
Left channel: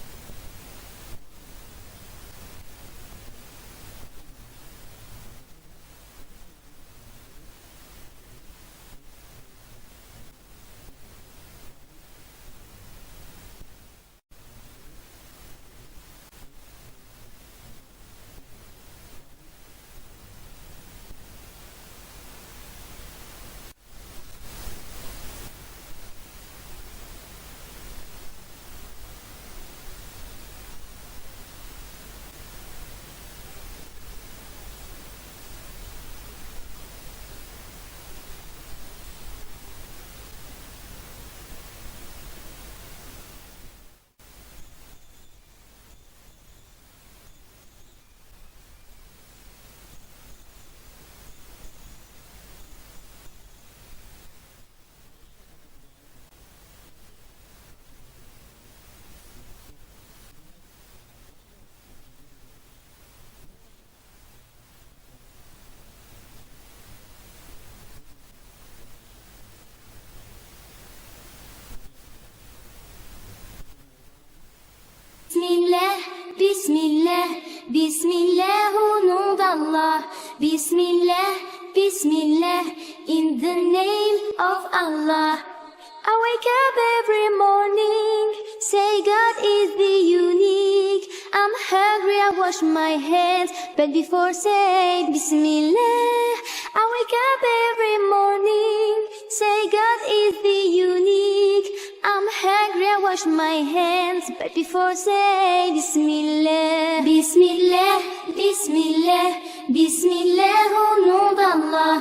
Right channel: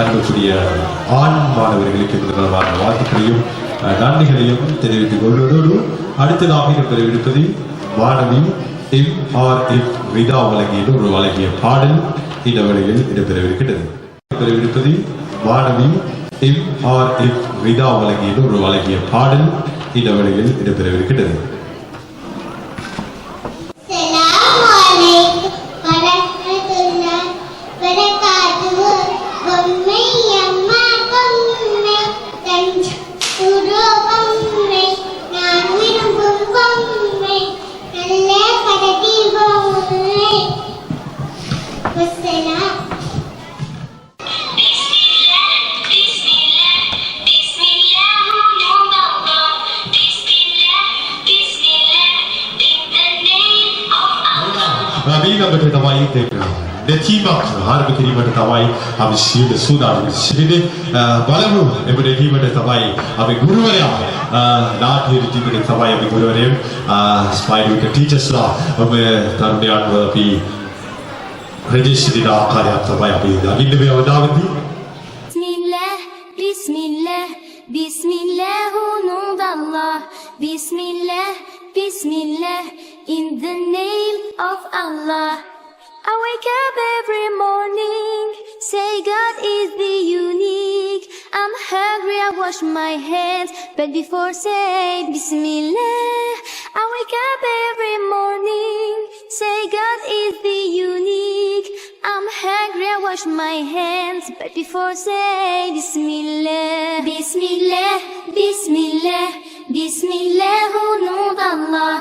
அன்புக்குரிய ஆண் மாணவர்களுக்கு முதல்வரான வாழ்த்துக்களையும் நன்றிகளையும் தெரிவித்துக் கொள்வதோடு அடுத்ததாக இடம்பெறவிருப்பது மாணவி MRF விதா வழங்கிய பாடல் இந்த வேளையில் இடம்பெறவிருக்கிறது. இடம்பெறவிருப்பது மாணவி MRF விதா வழங்கிய பாடல் இந்த வேளையில் இடம்பெறவிருக்கிறது. Netimak harap terima tawai habis sudah sini balamu emude terima tawai habis guru ya nak terima tawai habis guru ya spaidu ke teachers lah habis taruhan habis register dah karya tawai habis lagi lebih awal lagi. Bismillah, Bismillah, Bismillah, au nom d'Allah. Bismillah, Bismillah, in the name of Allah. I wake up every morning, say God is the unique. I'm hungry, I wash my hands, but before say Bismillah. I wake up every morning, say God is the unique. I'm hungry, I wash my hands, but before say Bismillah. Bismillah, Bismillah, Bismillah, au nom d'Allah.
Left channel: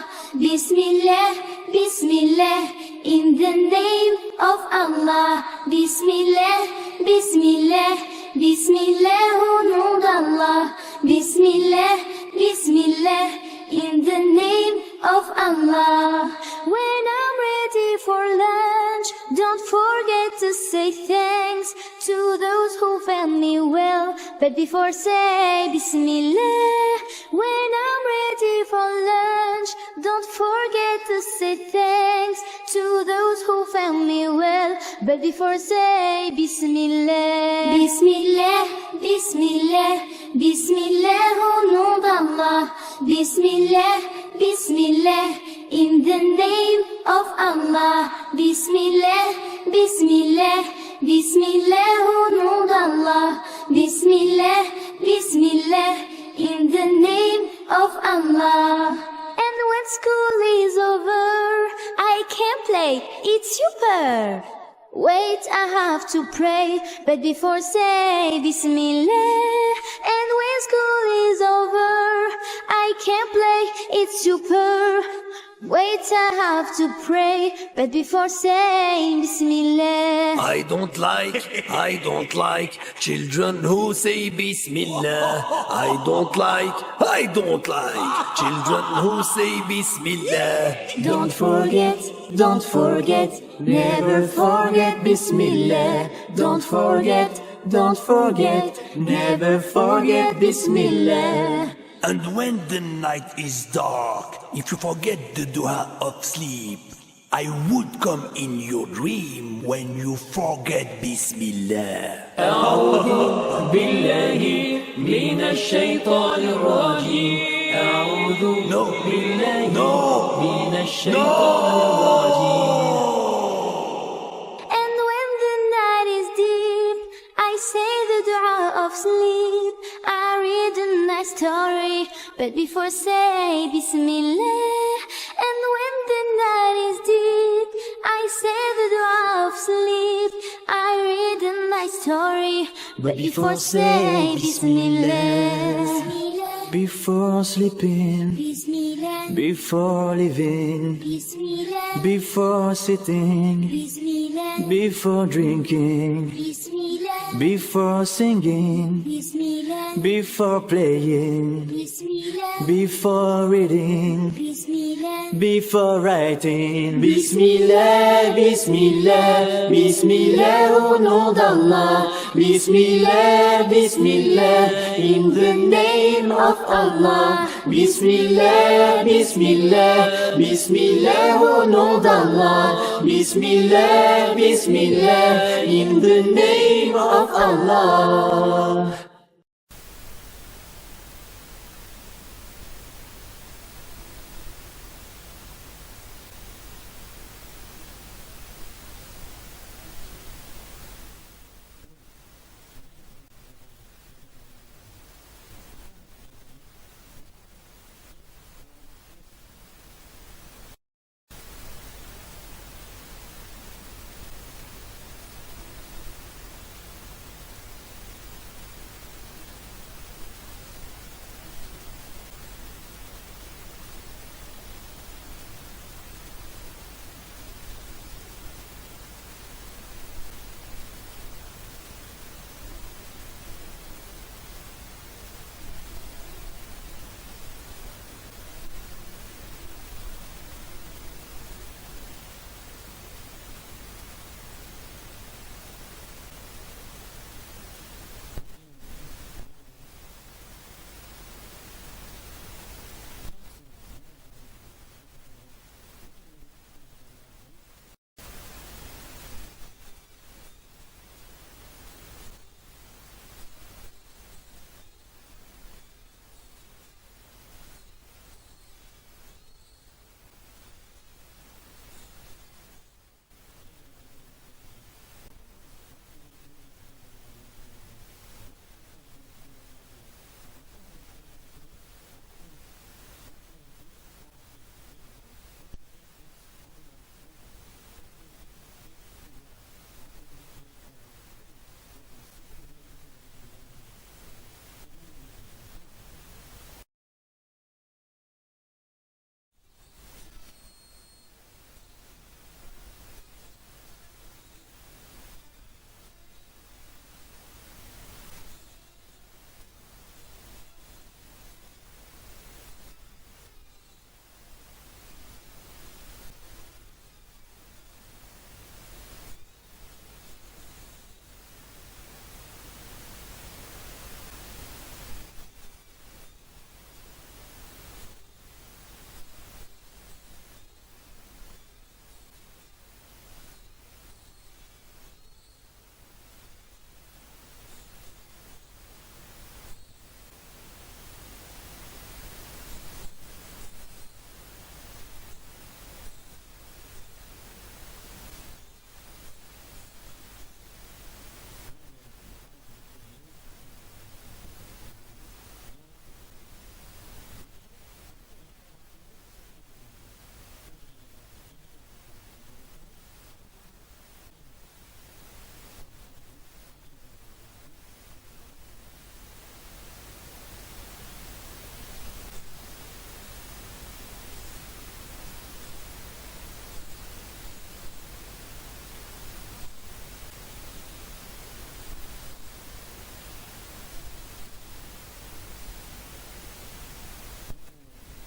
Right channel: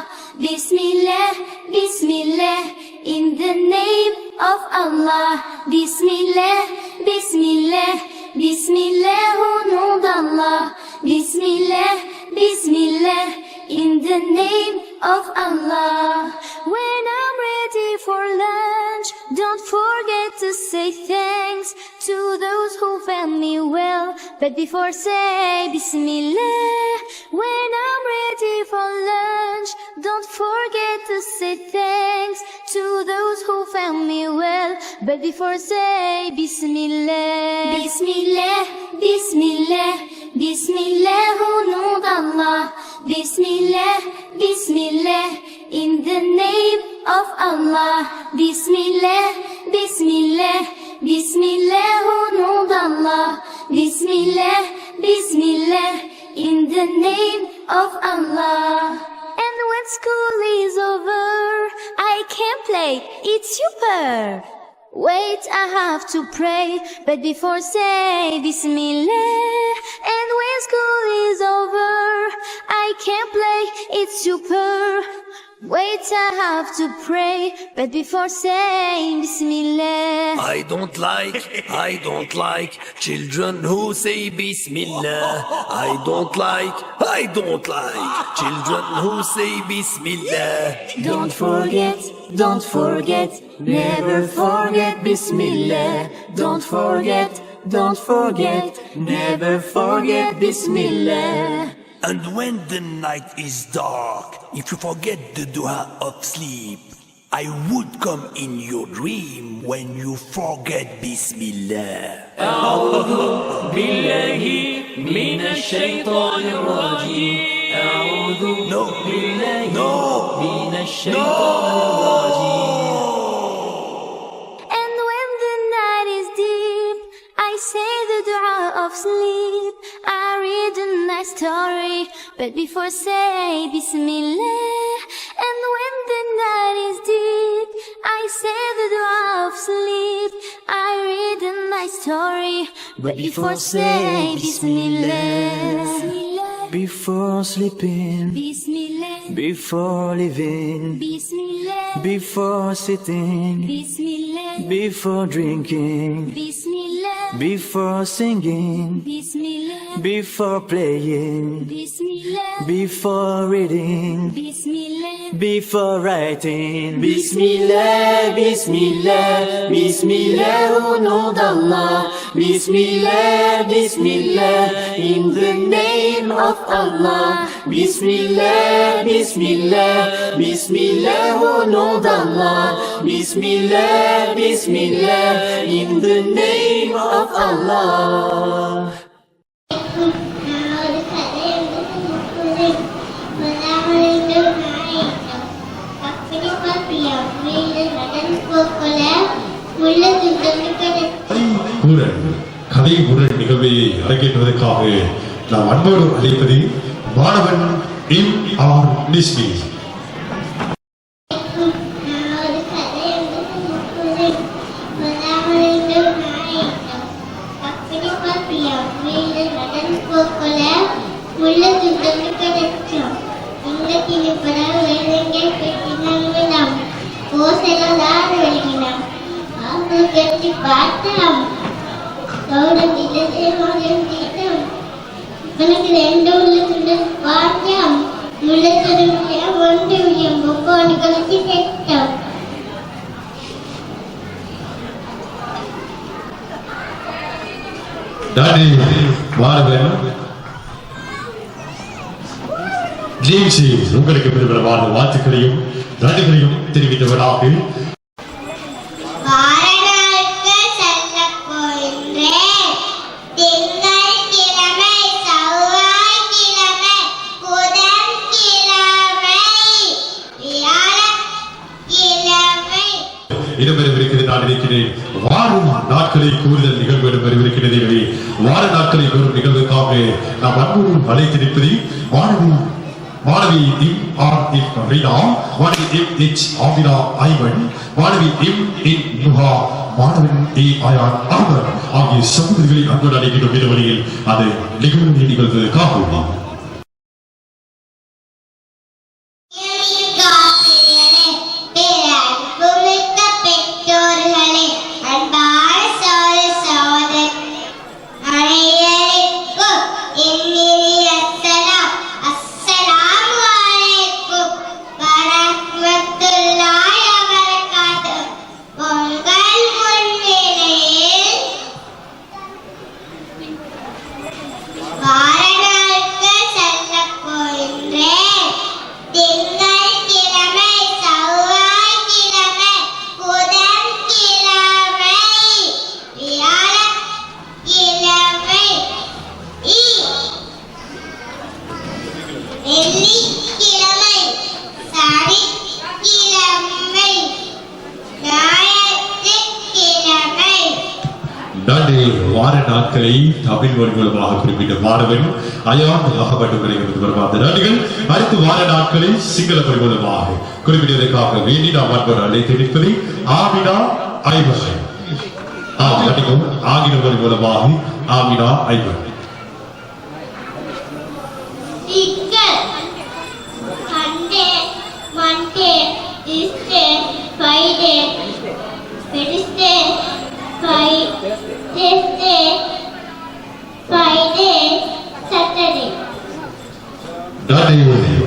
Bismillah, Bismillah, in the name of Allah. Bismillah, Bismillah, Bismillah, au nom d'Allah. Bismillah, Bismillah, in the name of Allah. When I'm ready for lunch, don't forget to say thanks to those who fed me well, but before say Bismillah. When I'm ready for lunch, don't forget to say thanks to those who found me well, but before say Bismillah. Bismillah, Bismillah, Bismillah, au nom d'Allah. Bismillah, Bismillah, in the name of Allah. Bismillah, Bismillah, Bismillah, au nom d'Allah. Bismillah, Bismillah, in the name of Allah. And when school is over, I can play, it's super. Wait, I have to pray, but before say Bismillah. And when school is over, I can play, it's super. Wait, I have to pray, but before saying Bismillah. I don't like children who say Bismillah. I don't like children who say Bismillah. Don't forget, never forget Bismillah. Don't forget, never forget Bismillah. And when the night is dark, if you forget the dua of sleep, I would come in your dream when you forget Bismillah. أعوذ بالله من الشيطان الرجيم. أعوذ بالله من الشيطان الرجيم. And when the night is deep, I say the dua of sleep. I read a nice story, but before say Bismillah. And when the night is deep, I say the dua of sleep. I read a nice story, but before say Bismillah. Before sleeping, Bismillah, before living, Bismillah, before sitting, Bismillah, before drinking, Bismillah, before singing, Bismillah, before playing, Bismillah, before reading, Bismillah, before writing. Bismillah, Bismillah, Bismillah, oh nom d'Allah. Bismillah, Bismillah, in the name of Allah. Bismillah, Bismillah, Bismillah, oh nom d'Allah. Bismillah, Bismillah, in the name of Allah. கதை உரல் நிகழ்வை அரங்கேற்றுவதற்காக நாம் அன்போடு அழைப்பது மாணவன் M.R. நிஸ்மி. మనకి రెండు ఉల్లితుండే వాక్యం ముళ్ళతుడియ వంటి బొక్కోని కలిసి తెచ్చాం டாடி மாணவன் ஜேம்ஸி உங்களுக்கு பெருமிதமான வாழ்த்துக்களையும் நன்றிகளையும் தெரிவித்தவராக இடம்பெறவிருக்கிறது. நான் இருக்கிறேன் வாரம் நாட்களை கூறுதல் நிகழ்வு இடம்பெறவிருக்கிறது. எனவே வார நாட்களை கூறும் நிகழ்வுக்காக நாம் அன்போடு அழைத்திருப்பது மாணவி M.R.F. ரீனா, மாணவி M.H. ஆமினா ஐவன், மாணவி M.N. நுஹா, மாணவன் A. அயான் அகமது ஆகிய சகோதரிகளை அன்போடு அழைக்கின்ற வழியில் அது நிகழ்வு நிகழ்வதற்காக வார நாட்களை தமிழ் மொழி மூலமாக குறிப்பிட்ட மாணவன் அயான் அகமது வருவார். நன்றிகள். அடுத்து வார நாட்களை சிங்கள மொழி மூலமாக குறிப்பிட்டதற்காக வேண்டி நாம் அன்பர் அழைத்திருப்பது ஆமினா ஐவன். ஆங்கில மொழி மூலமாக ஆமினா ஐவன்.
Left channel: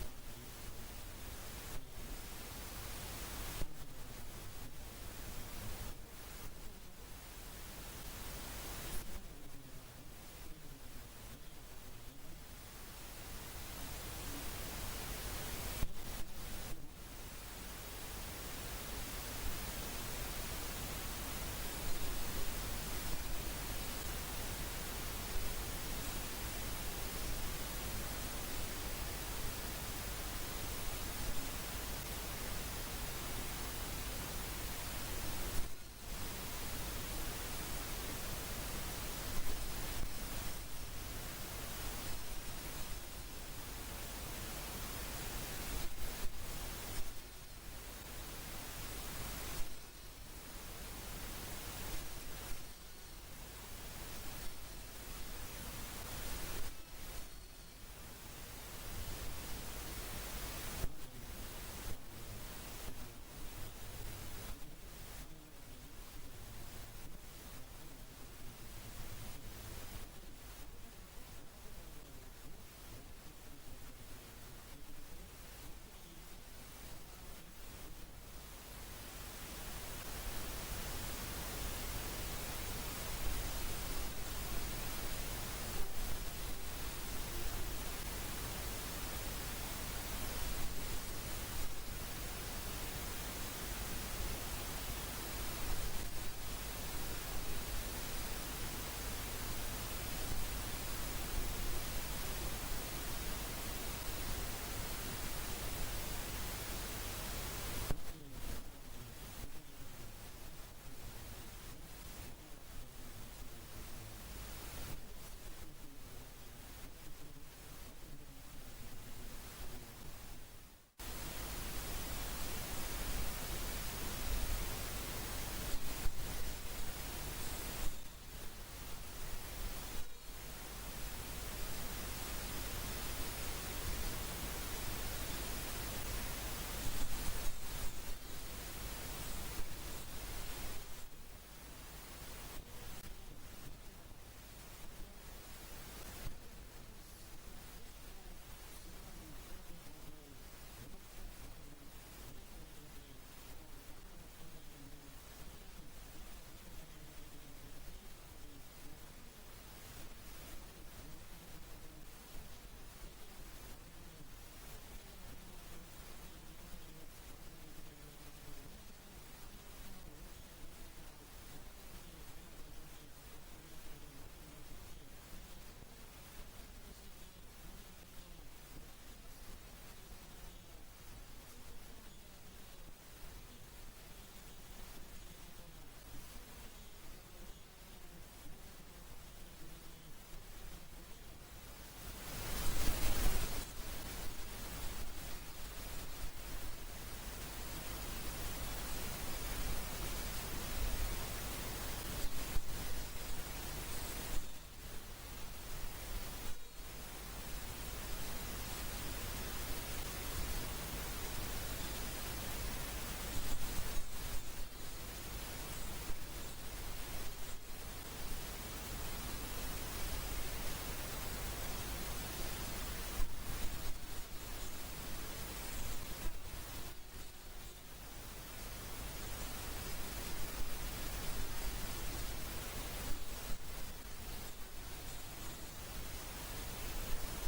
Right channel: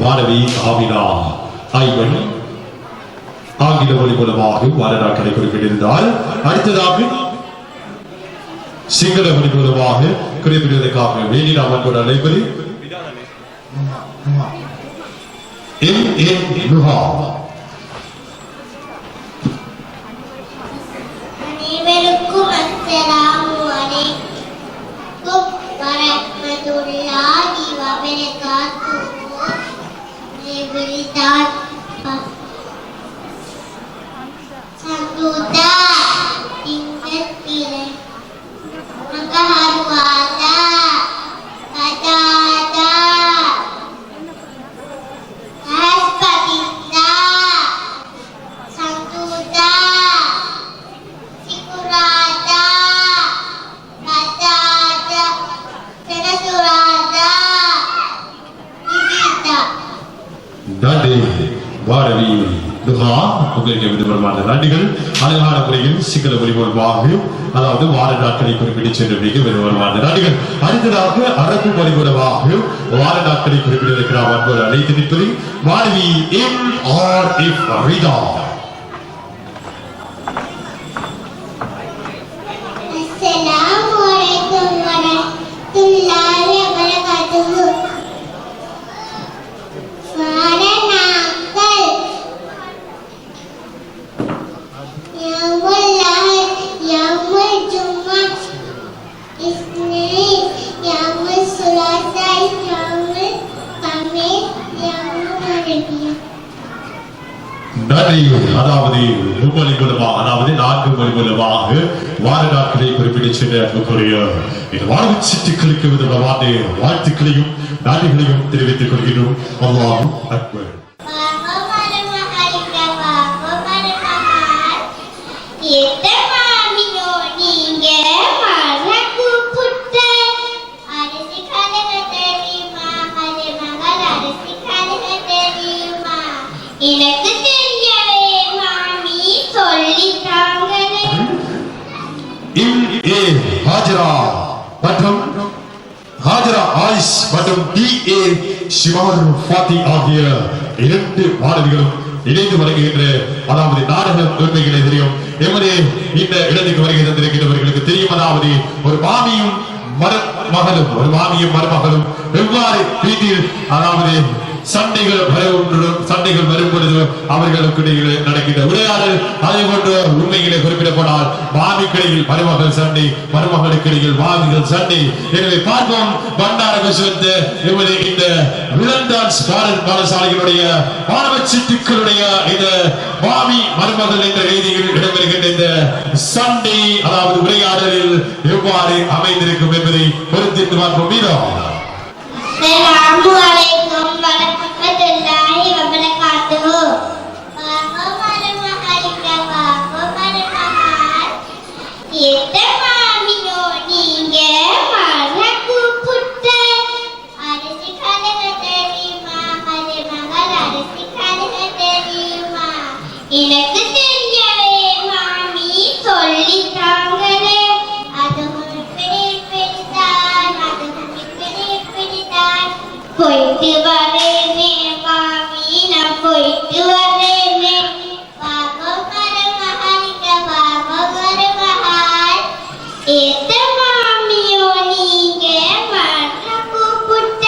மாணவி ஆமினா ஐவன் ஆங்கில மொழி மூலமாக வார நாட்களை குறிப்பிட்டிருந்தால் அடுத்ததாக சிங்கள மொழி மூலமாக குறிப்பிடுவதற்காக வேண்டி நாம் அன்போடு அழைப்பது M.N. நுஹா. அனைவருக்கும் அஸ்ஸலாமு அலைக்கும் வரஹ்மத்துல்லாஹி வபரகாத்துஹு. Santuda ingat pilih maka harwada kadada haspatinda santuda sikurada kadada senasurada ibita. நன்றி மாணவி துஹா உங்களுக்கு விதமான நன்றிகள் அழகான முறையில் சிங்கள மொழிமொழிவாக அதாவது வார நாட்களை குறிப்பிட்டு சென்றவர்களுக்கு விதமான நன்றிகள். அடுத்ததாக அரபு மொழிமொழிவாக வார நாட்களை குறிப்பிட்டிருக்கிறார் அன்போடு அழைத்து நிற்பது மாணவி MRF Rida. Assalamualaikum warahmatullahi wabarakatuh. Waranakal Yaumul Ahad, Yaumul Jumat, Isnin, Yaumul Sulasa, Yaumul Khamis, Yaumul Arabiyah. நன்றி. அதாவது மும்மொழி மூலமாக அதாவது 4 மொழி மூலமாக வார நாட்களை குறிப்பிட்டு சென்ற அன்புக்குரிய இந்த வாழ்வு சிட்டுக்களுக்கு விதமான வாழ்த்துக்களையும் நன்றிகளையும் தெரிவித்துக் கொள்கிறோம். அல்லாஹ் அக்பர். எனக்கு தெரியவே மாமி சொல்லிட்டாங்களே. MA ஹாஜரா மற்றும் ஹாஜரா ஆயிஷ் மற்றும் DA ஷிமார் ஃபாத்தி ஆகிய 2 மாணவிகளும் இணைந்து வருகின்ற அதாவது நாடக உண்மைகளை தெரியும். எமது இந்த இடத்துக்கு வருகை தந்திருக்கிறவர்களுக்கு தெரியும். அதாவது ஒரு மாமியும் மருமகளும் ஒரு மாமியும் மருமகளும் வெவ்வேறு வீட்டில் அதாவது சண்டைகள் வரும் பொழுது அவர்களுக்கு இடையில் நடக்கின்ற உரையாடல் அதே போன்று உண்மைகளை குறிப்பிடப்படால் மாமிக்கிடையில் மருமகள் சண்டை மருமகளுக்கு இடையில் மாமிகள் சண்டை. எனவே பார்ப்போம் பண்டார விஸ்வத்து இவரு இந்த விலன்டான்ஸ் பாடசாலைகளுடைய மாணவ சிட்டுக்களுடைய இந்த மாமி மருமகள் என்ற ரீதியில் இடம்பெறுகின்ற இந்த சண்டை அதாவது உரையாடலில் எவ்வாறு அமைந்திருக்கும் என்பதை பொறுத்திருந்து பார்ப்போம். மீண்டும் Assalamualaikum warahmatullahi wabarakatuh. Kita mami நீங்க மரகு புட்ட அரிசி கலக தெரியுமா மருமகள் அரிசி கலக தெரியுமா எனக்கு தெரியவே மாமி சொல்லிட்டாங்களே. அதுவும் பிடித்தான் அதுவும் பிடித்தான் போயிட்டு வரேனே மாமி நான் போயிட்டு வரேனே. பாபா மருமகளிக்க பாபா மருமகள் ஏத்த மாமியோ நீங்க மரகு புட்ட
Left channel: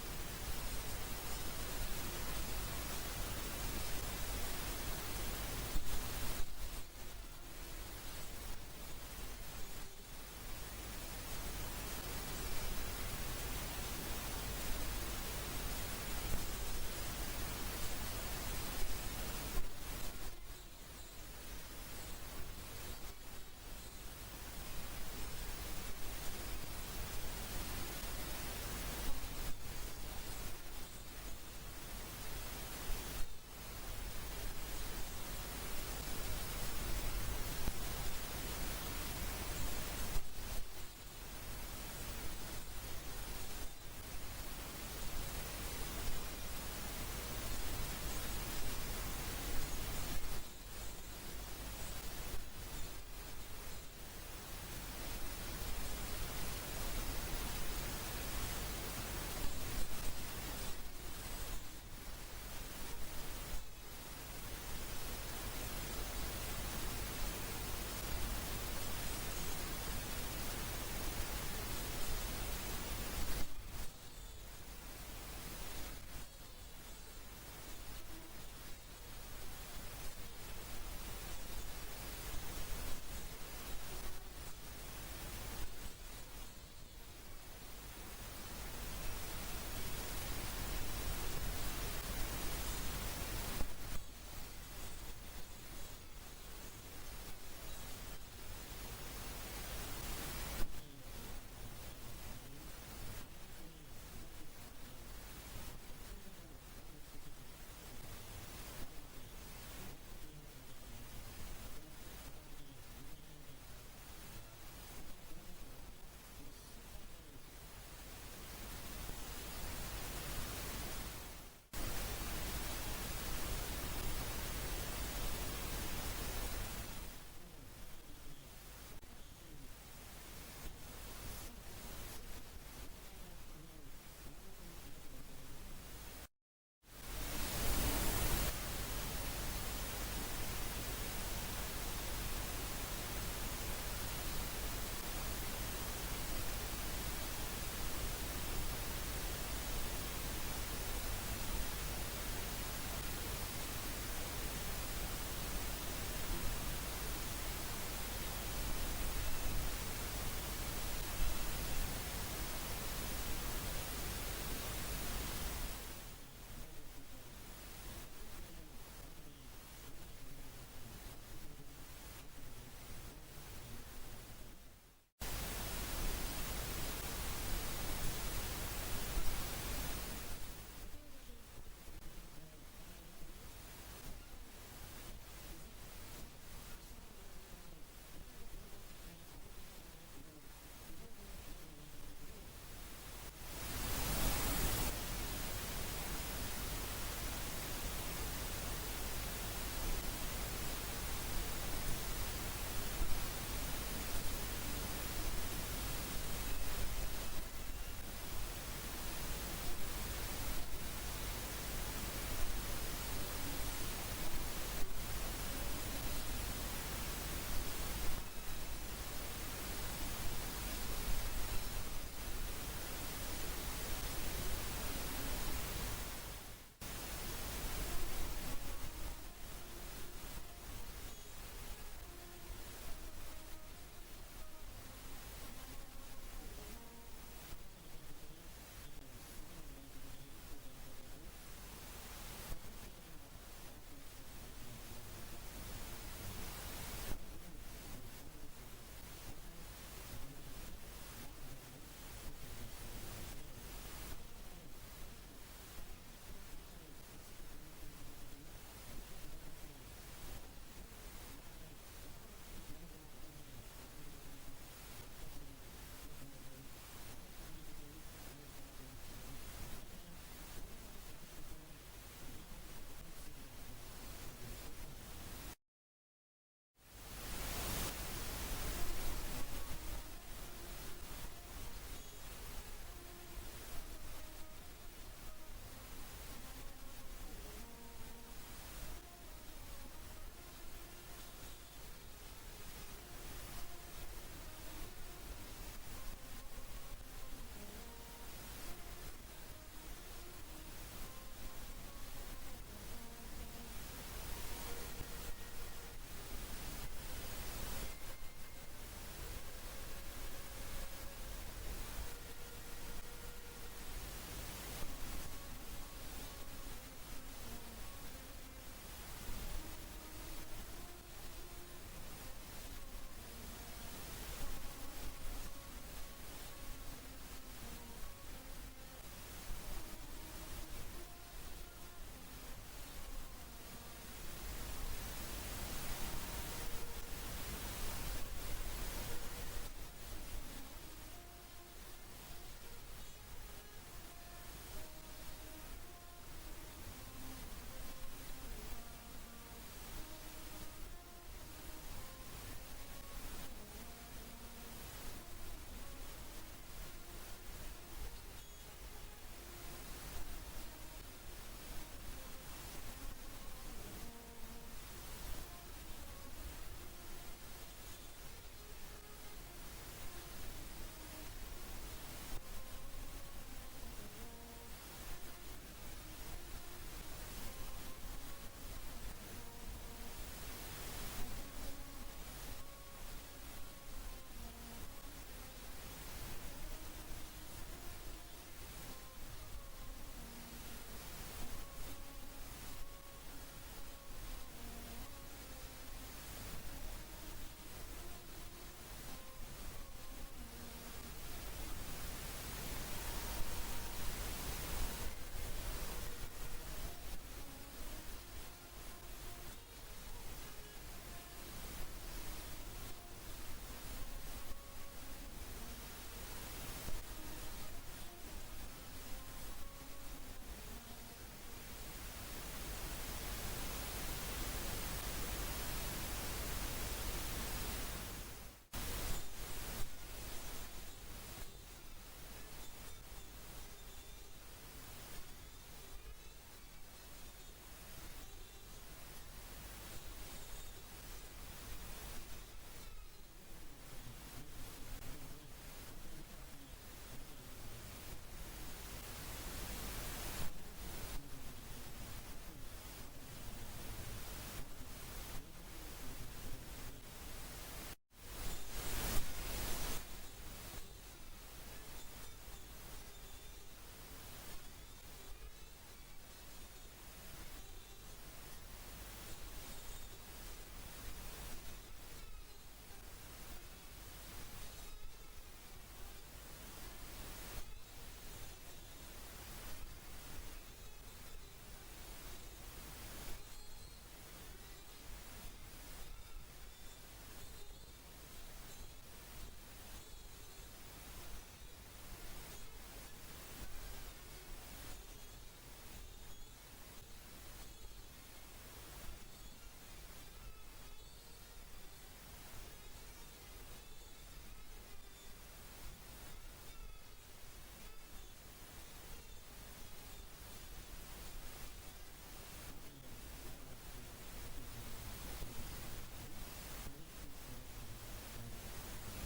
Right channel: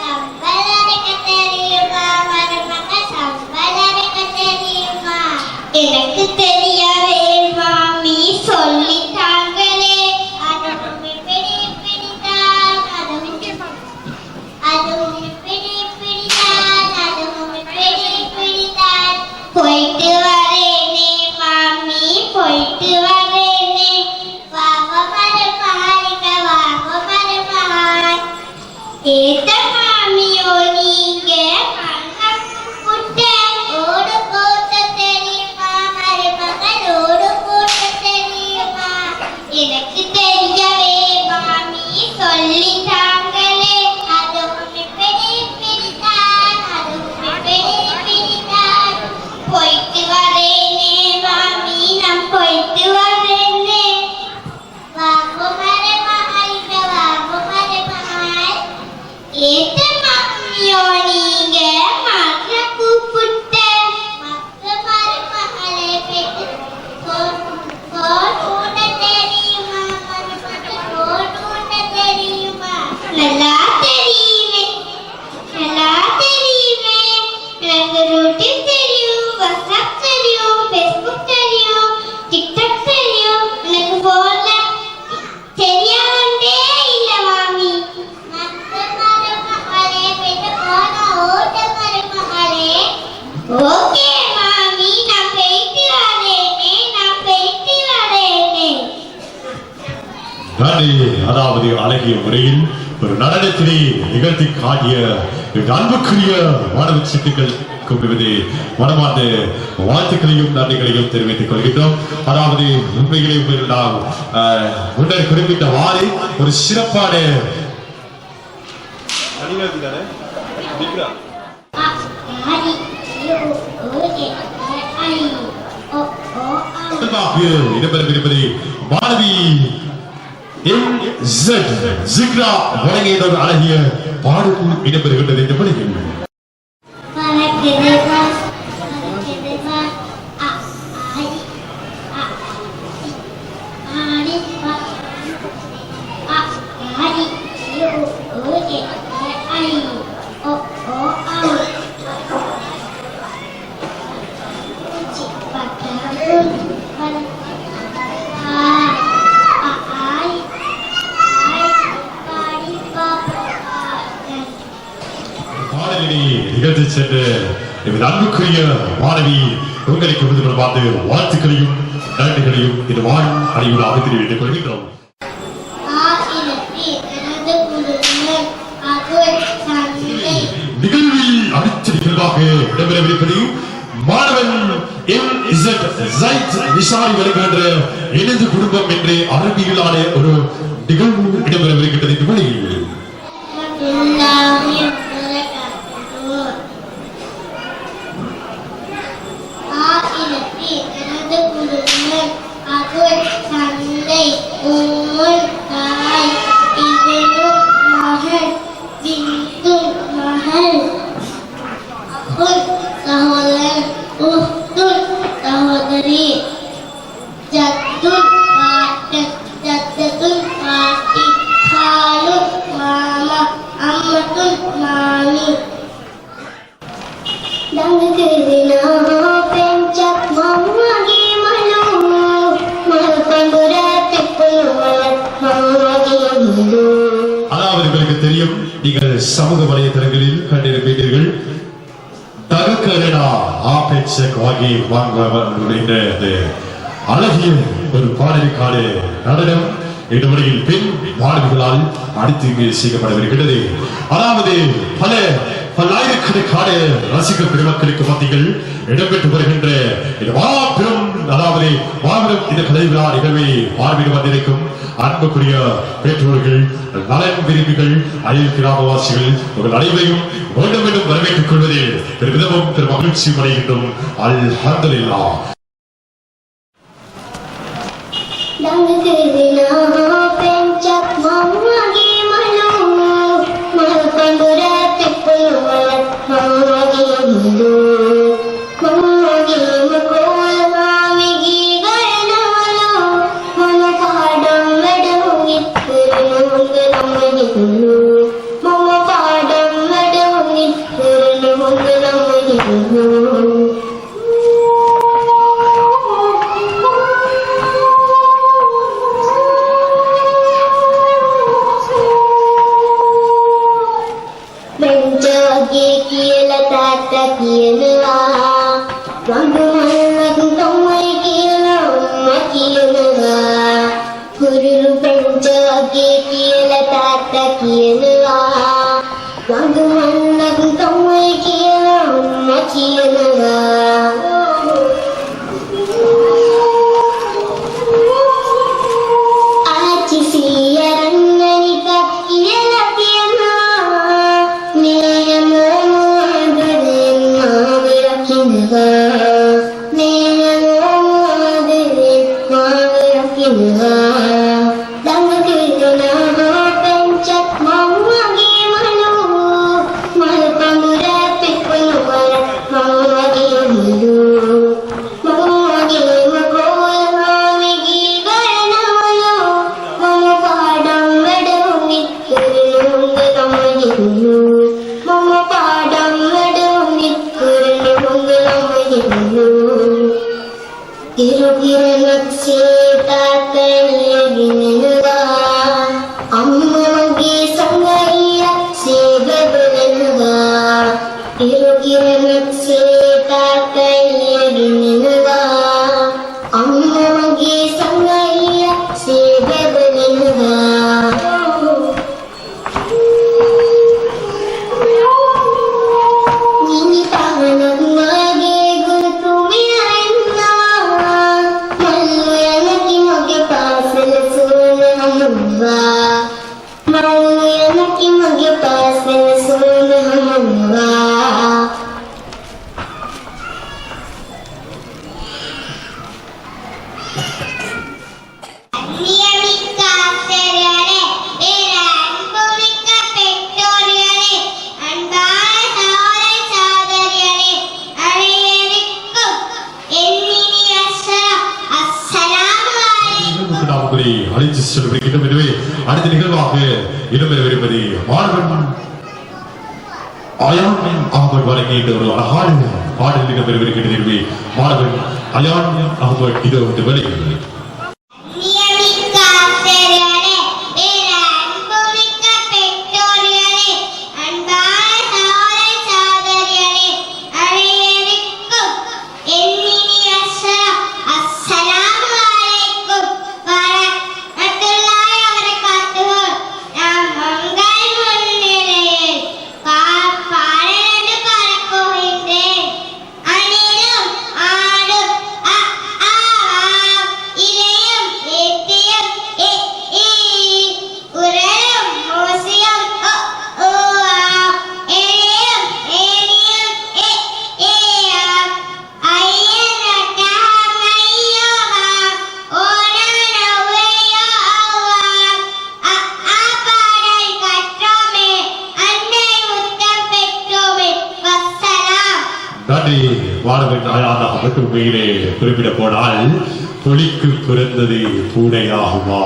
சம்பல் அரைக்க தெரியுமா மருமகள் சம்பல் அரைக்க தெரியுமா எனக்கு தெரியவே மாமி சொல்லிட்டாங்களே. அதுவும் பிடித்தான் அதுவும் பிடித்தான் போயிட்டு வரேனே மாமி போயிட்டு வரேனே. வாங்க மருமகளிக்க வாங்க மருமகள் ஏத்த மாமியோ நீங்க மரகு புட்ட ஓடு போட்ட தெரியுமா மருமகள் ஓடு போட்ட தெரியுமா எனக்கு தெரியவே மாமி சொல்லிட்டாங்களே. அதுவும் பிடித்தான் அதுவும் பிடித்தான் போயிட்டு வரேனே மாமி நான் போயிட்டு வரேனே. வாங்க மருமகளிக்க வாங்க மருமகள் ஏத்த மாமியோ நீங்க மரகு புட்ட மக்க மருமகளை பெற்று கோன் ஊட்ட தெரியுமா மருமகள் கோன் ஊட்ட தெரியுமா நல்லா தெரியுமே நல்லா தெரியுமே. எனக்கு யூடியூப் தெரியும் வாட்ஸ்அப் தெரியும் ஃபேஸ்புக் தெரியும் டிக்டாக் தெரியும். எனக்கு போன்ல தெரியாதே இல்ல மாமி. மக்க மருமகளே பெற்று போன ஓட்ட மருமகளே. ஓகே மாமி நான் போயிட்டு வரேனே நான் போயிட்டு வரேனே. நன்றி. அதாவது அழகிய முறையில் ஒரு நடனத்திலே நிகழ்த்தி காட்டிய அன்புக்குரிய மாணவ சிட்டுக்கள் கூப்பிடுவது மனமார்ந்த வாழ்த்துக்களையும் நன்றிகளையும் தெரிவித்துக் கொள்கின்றோம். அதாவது உண்மையிலே நாம் முன்னர் குறிப்பிட்டவாறு ஒரு சிறப்பான ஓகே நிறைவாக இடம்பெறவிருப்பது மாணவி ஜிக்ரா வழங்கியதொரு அழகிய பாடல் இடம்பெறுகின்றது இந்த பணியில். நிகழ்ச்சி சென்று அன்புக்குரிய மாணவி உங்களுக்கு விருதுகள் பார்த்து வாழ்த்துக்களையும் நன்றிகளையும் இது வாழும் அணிவுடாக தெரிவித்துக் கொள்கின்றோம். நிகழ்வில் அடுத்த நிகழ்வாக இடம்பெறவிருப்பது மாணவன் நிசாரி வருகின்ற எனது குடும்பம் என்று அரபியிலான ஒரு நிகழ்வு இடம்பெறவிருக்கின்றது இந்த வழியில். தெரியும், நீங்கள் சமூக வலைதளங்களில் கண்டிருப்பீர்கள். அழகிய ஒரு பாடலுக்கான நடனம் இந்த முறையில் பெண் மாணவிகளால் அடுத்து இங்கு செய்யப்படவிருக்கிறது. அதாவது பல்லாயிரக்கணக்கான ரசிகர் பெருமக்களுக்கு மத்தியில் இடம்பெற்று வருகின்ற இந்த மாபெரும் இந்த கலை விழா நிகழ்வை பார்வையிட வந்திருக்கும் அன்புக்குரிய பெற்றோர்கள், நலன் விரும்பிகள், அயல் கிராமவாசிகள் உங்கள் அனைவரையும் மீண்டும் மீண்டும் வரவேற்றுக் கொள்வதில் பெருமிதமும் பெரும் மகிழ்ச்சியும் அடைகின்றோம். அல்ஹம்துலில்லாஹ். Mama அடுத்த நிகழ்வாக இடம்பெறவிருப்பது மாணவன் அயான் அகமது வழங்கிய ஒரு அழகான பாடல் இடம்பெறவிருக்கின்ற நிகழ்வு. மாணவன் அயான் அகமது இதோ இந்த வெளியில் மாணவன் அயான் அகமது உண்மையிலே குறிப்பிட போனால் தொழிக்கு பிறந்தது பூனையாகுமா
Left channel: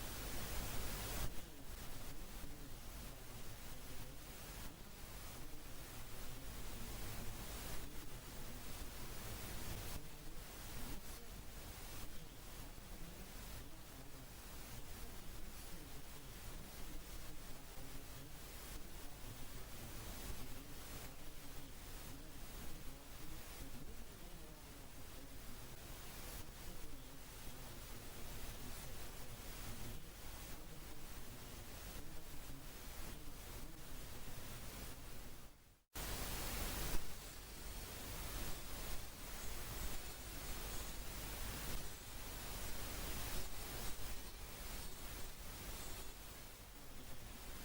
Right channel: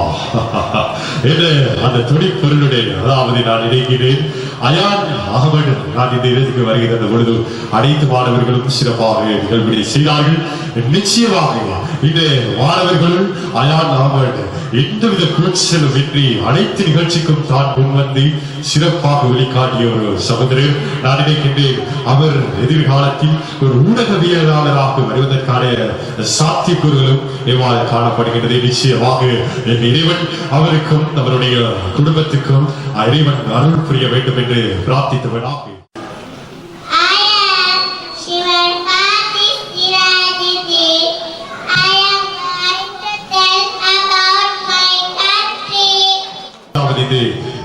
என்று அந்த தொழில் பொருளுடைய அதாவது நான் நினைக்கிறேன் அயான் அகமது நான் இந்த இடத்துக்கு வருகின்ற பொழுது அனைத்து மாணவர்களும் சிறப்பாக நிகழ்வுகளை செய்தார்கள். நிச்சயமாக இந்த மாணவர்கள் அயான் அகமது எந்தவித கூச்சலும் இன்றி அனைத்து நிகழ்ச்சிக்கும் தான் முன்வந்து சிறப்பாக வெளிக்காட்டிய ஒரு சகோதரர். நான் நினைக்கின்றேன் அவர் எதிர்காலத்தில் ஒரு ஊடகவியலாளராக வருவதற்கான சாத்தியக்கூறுகளும் எவ்வாறு காணப்படுகின்றது. நிச்சயமாக என் இறைவன் அவருக்கும் அவருடைய குடும்பத்துக்கும் இறைவன் அருள் புரிய வேண்டும் என்று பிரார்த்தித்தவனாக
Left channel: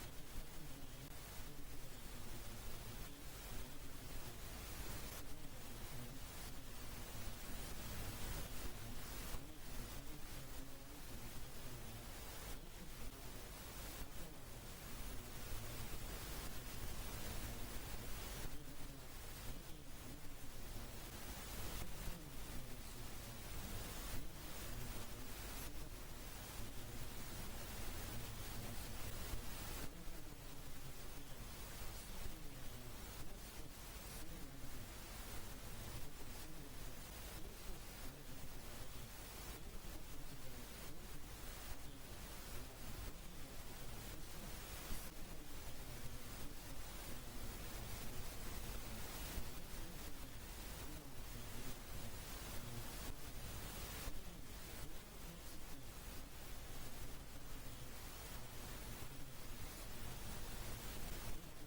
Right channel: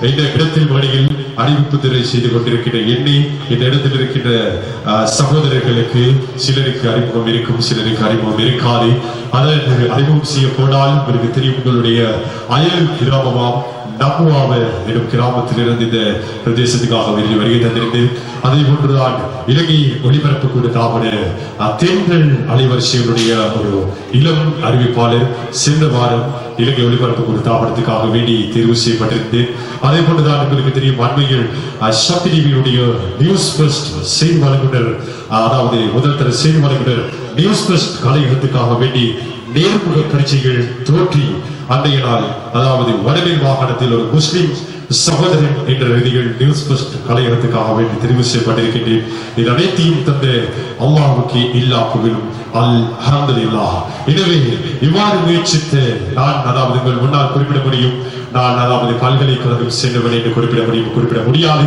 இந்த இடத்தில் வழியில் அறிவிப்பு திரை செய்து கொண்டிருக்கின்ற எண்ணி இந்த இடத்தில் இருக்கின்ற சகோதரர்களுக்கு சிலருக்கு அறிமுகம் இருக்கும், சிலருக்கு அறிமுகம் இருக்காது. அதற்கு அறிமுகம் செய்ய போனால் உங்களுக்கு தெரியும், உங்களுடைய அயல் கிராமமாம் நம்புவாவ எனும் கிராமத்திலிருந்து இந்த பிரதேசத்துக்காக வெளியே வருகை தந்திருந்து அதே போன்றுதான் இலங்கை ஒளிபரப்பு கூடத்தாமன தென்றல் அலைவரிசைகளுடைய ஒரு இளம் அறிவிப்பாளர் சென்ற வாரம் இலங்கை ஒளிபரப்பு கூடத்தாமனத்துக்காக வேண்டி தேர்வு செய்யப்பட்டிருந்து அதே போன்றுதான் உங்களுக்கு தெரியும் அண்மையில் சக்தி டிவியுடைய நியூஸ் ஃபர்ஸ்ட் செய்தி வழங்குனர் அதாவது முதல் தர செய்தி வழங்குனர் நியூஸ் ஃபர்ஸ்ட் கலையகத்துக்காக வேண்டி நேர்முக பரீட்சைகள் தோற்றி அன்றைய நாள் அதாவது வடமேல் மாகாணத்தில் ஒரு முஸ்லிம் சகோதரன் என்ற ரீதியில் நியூஸ் ஃபர்ஸ்ட் கலையகத்துக்காக வேண்டி தெரிவு செய்யப்பட்டிருக்கின்றேன். இது அனைத்தையும் தந்த அல்லாஹ்வுக்கு எல்லா புகழும் அல்ஹம்துலில்லாஹ். எனவே இவ்வாறு முயற்சித்த நான் அதாவது உங்கள் முன்னால் குறிப்பிட முடியும், நான் அதாவது பல்கலைக்கழகம் சென்றவன் என்று குறிப்பிட முடியாது.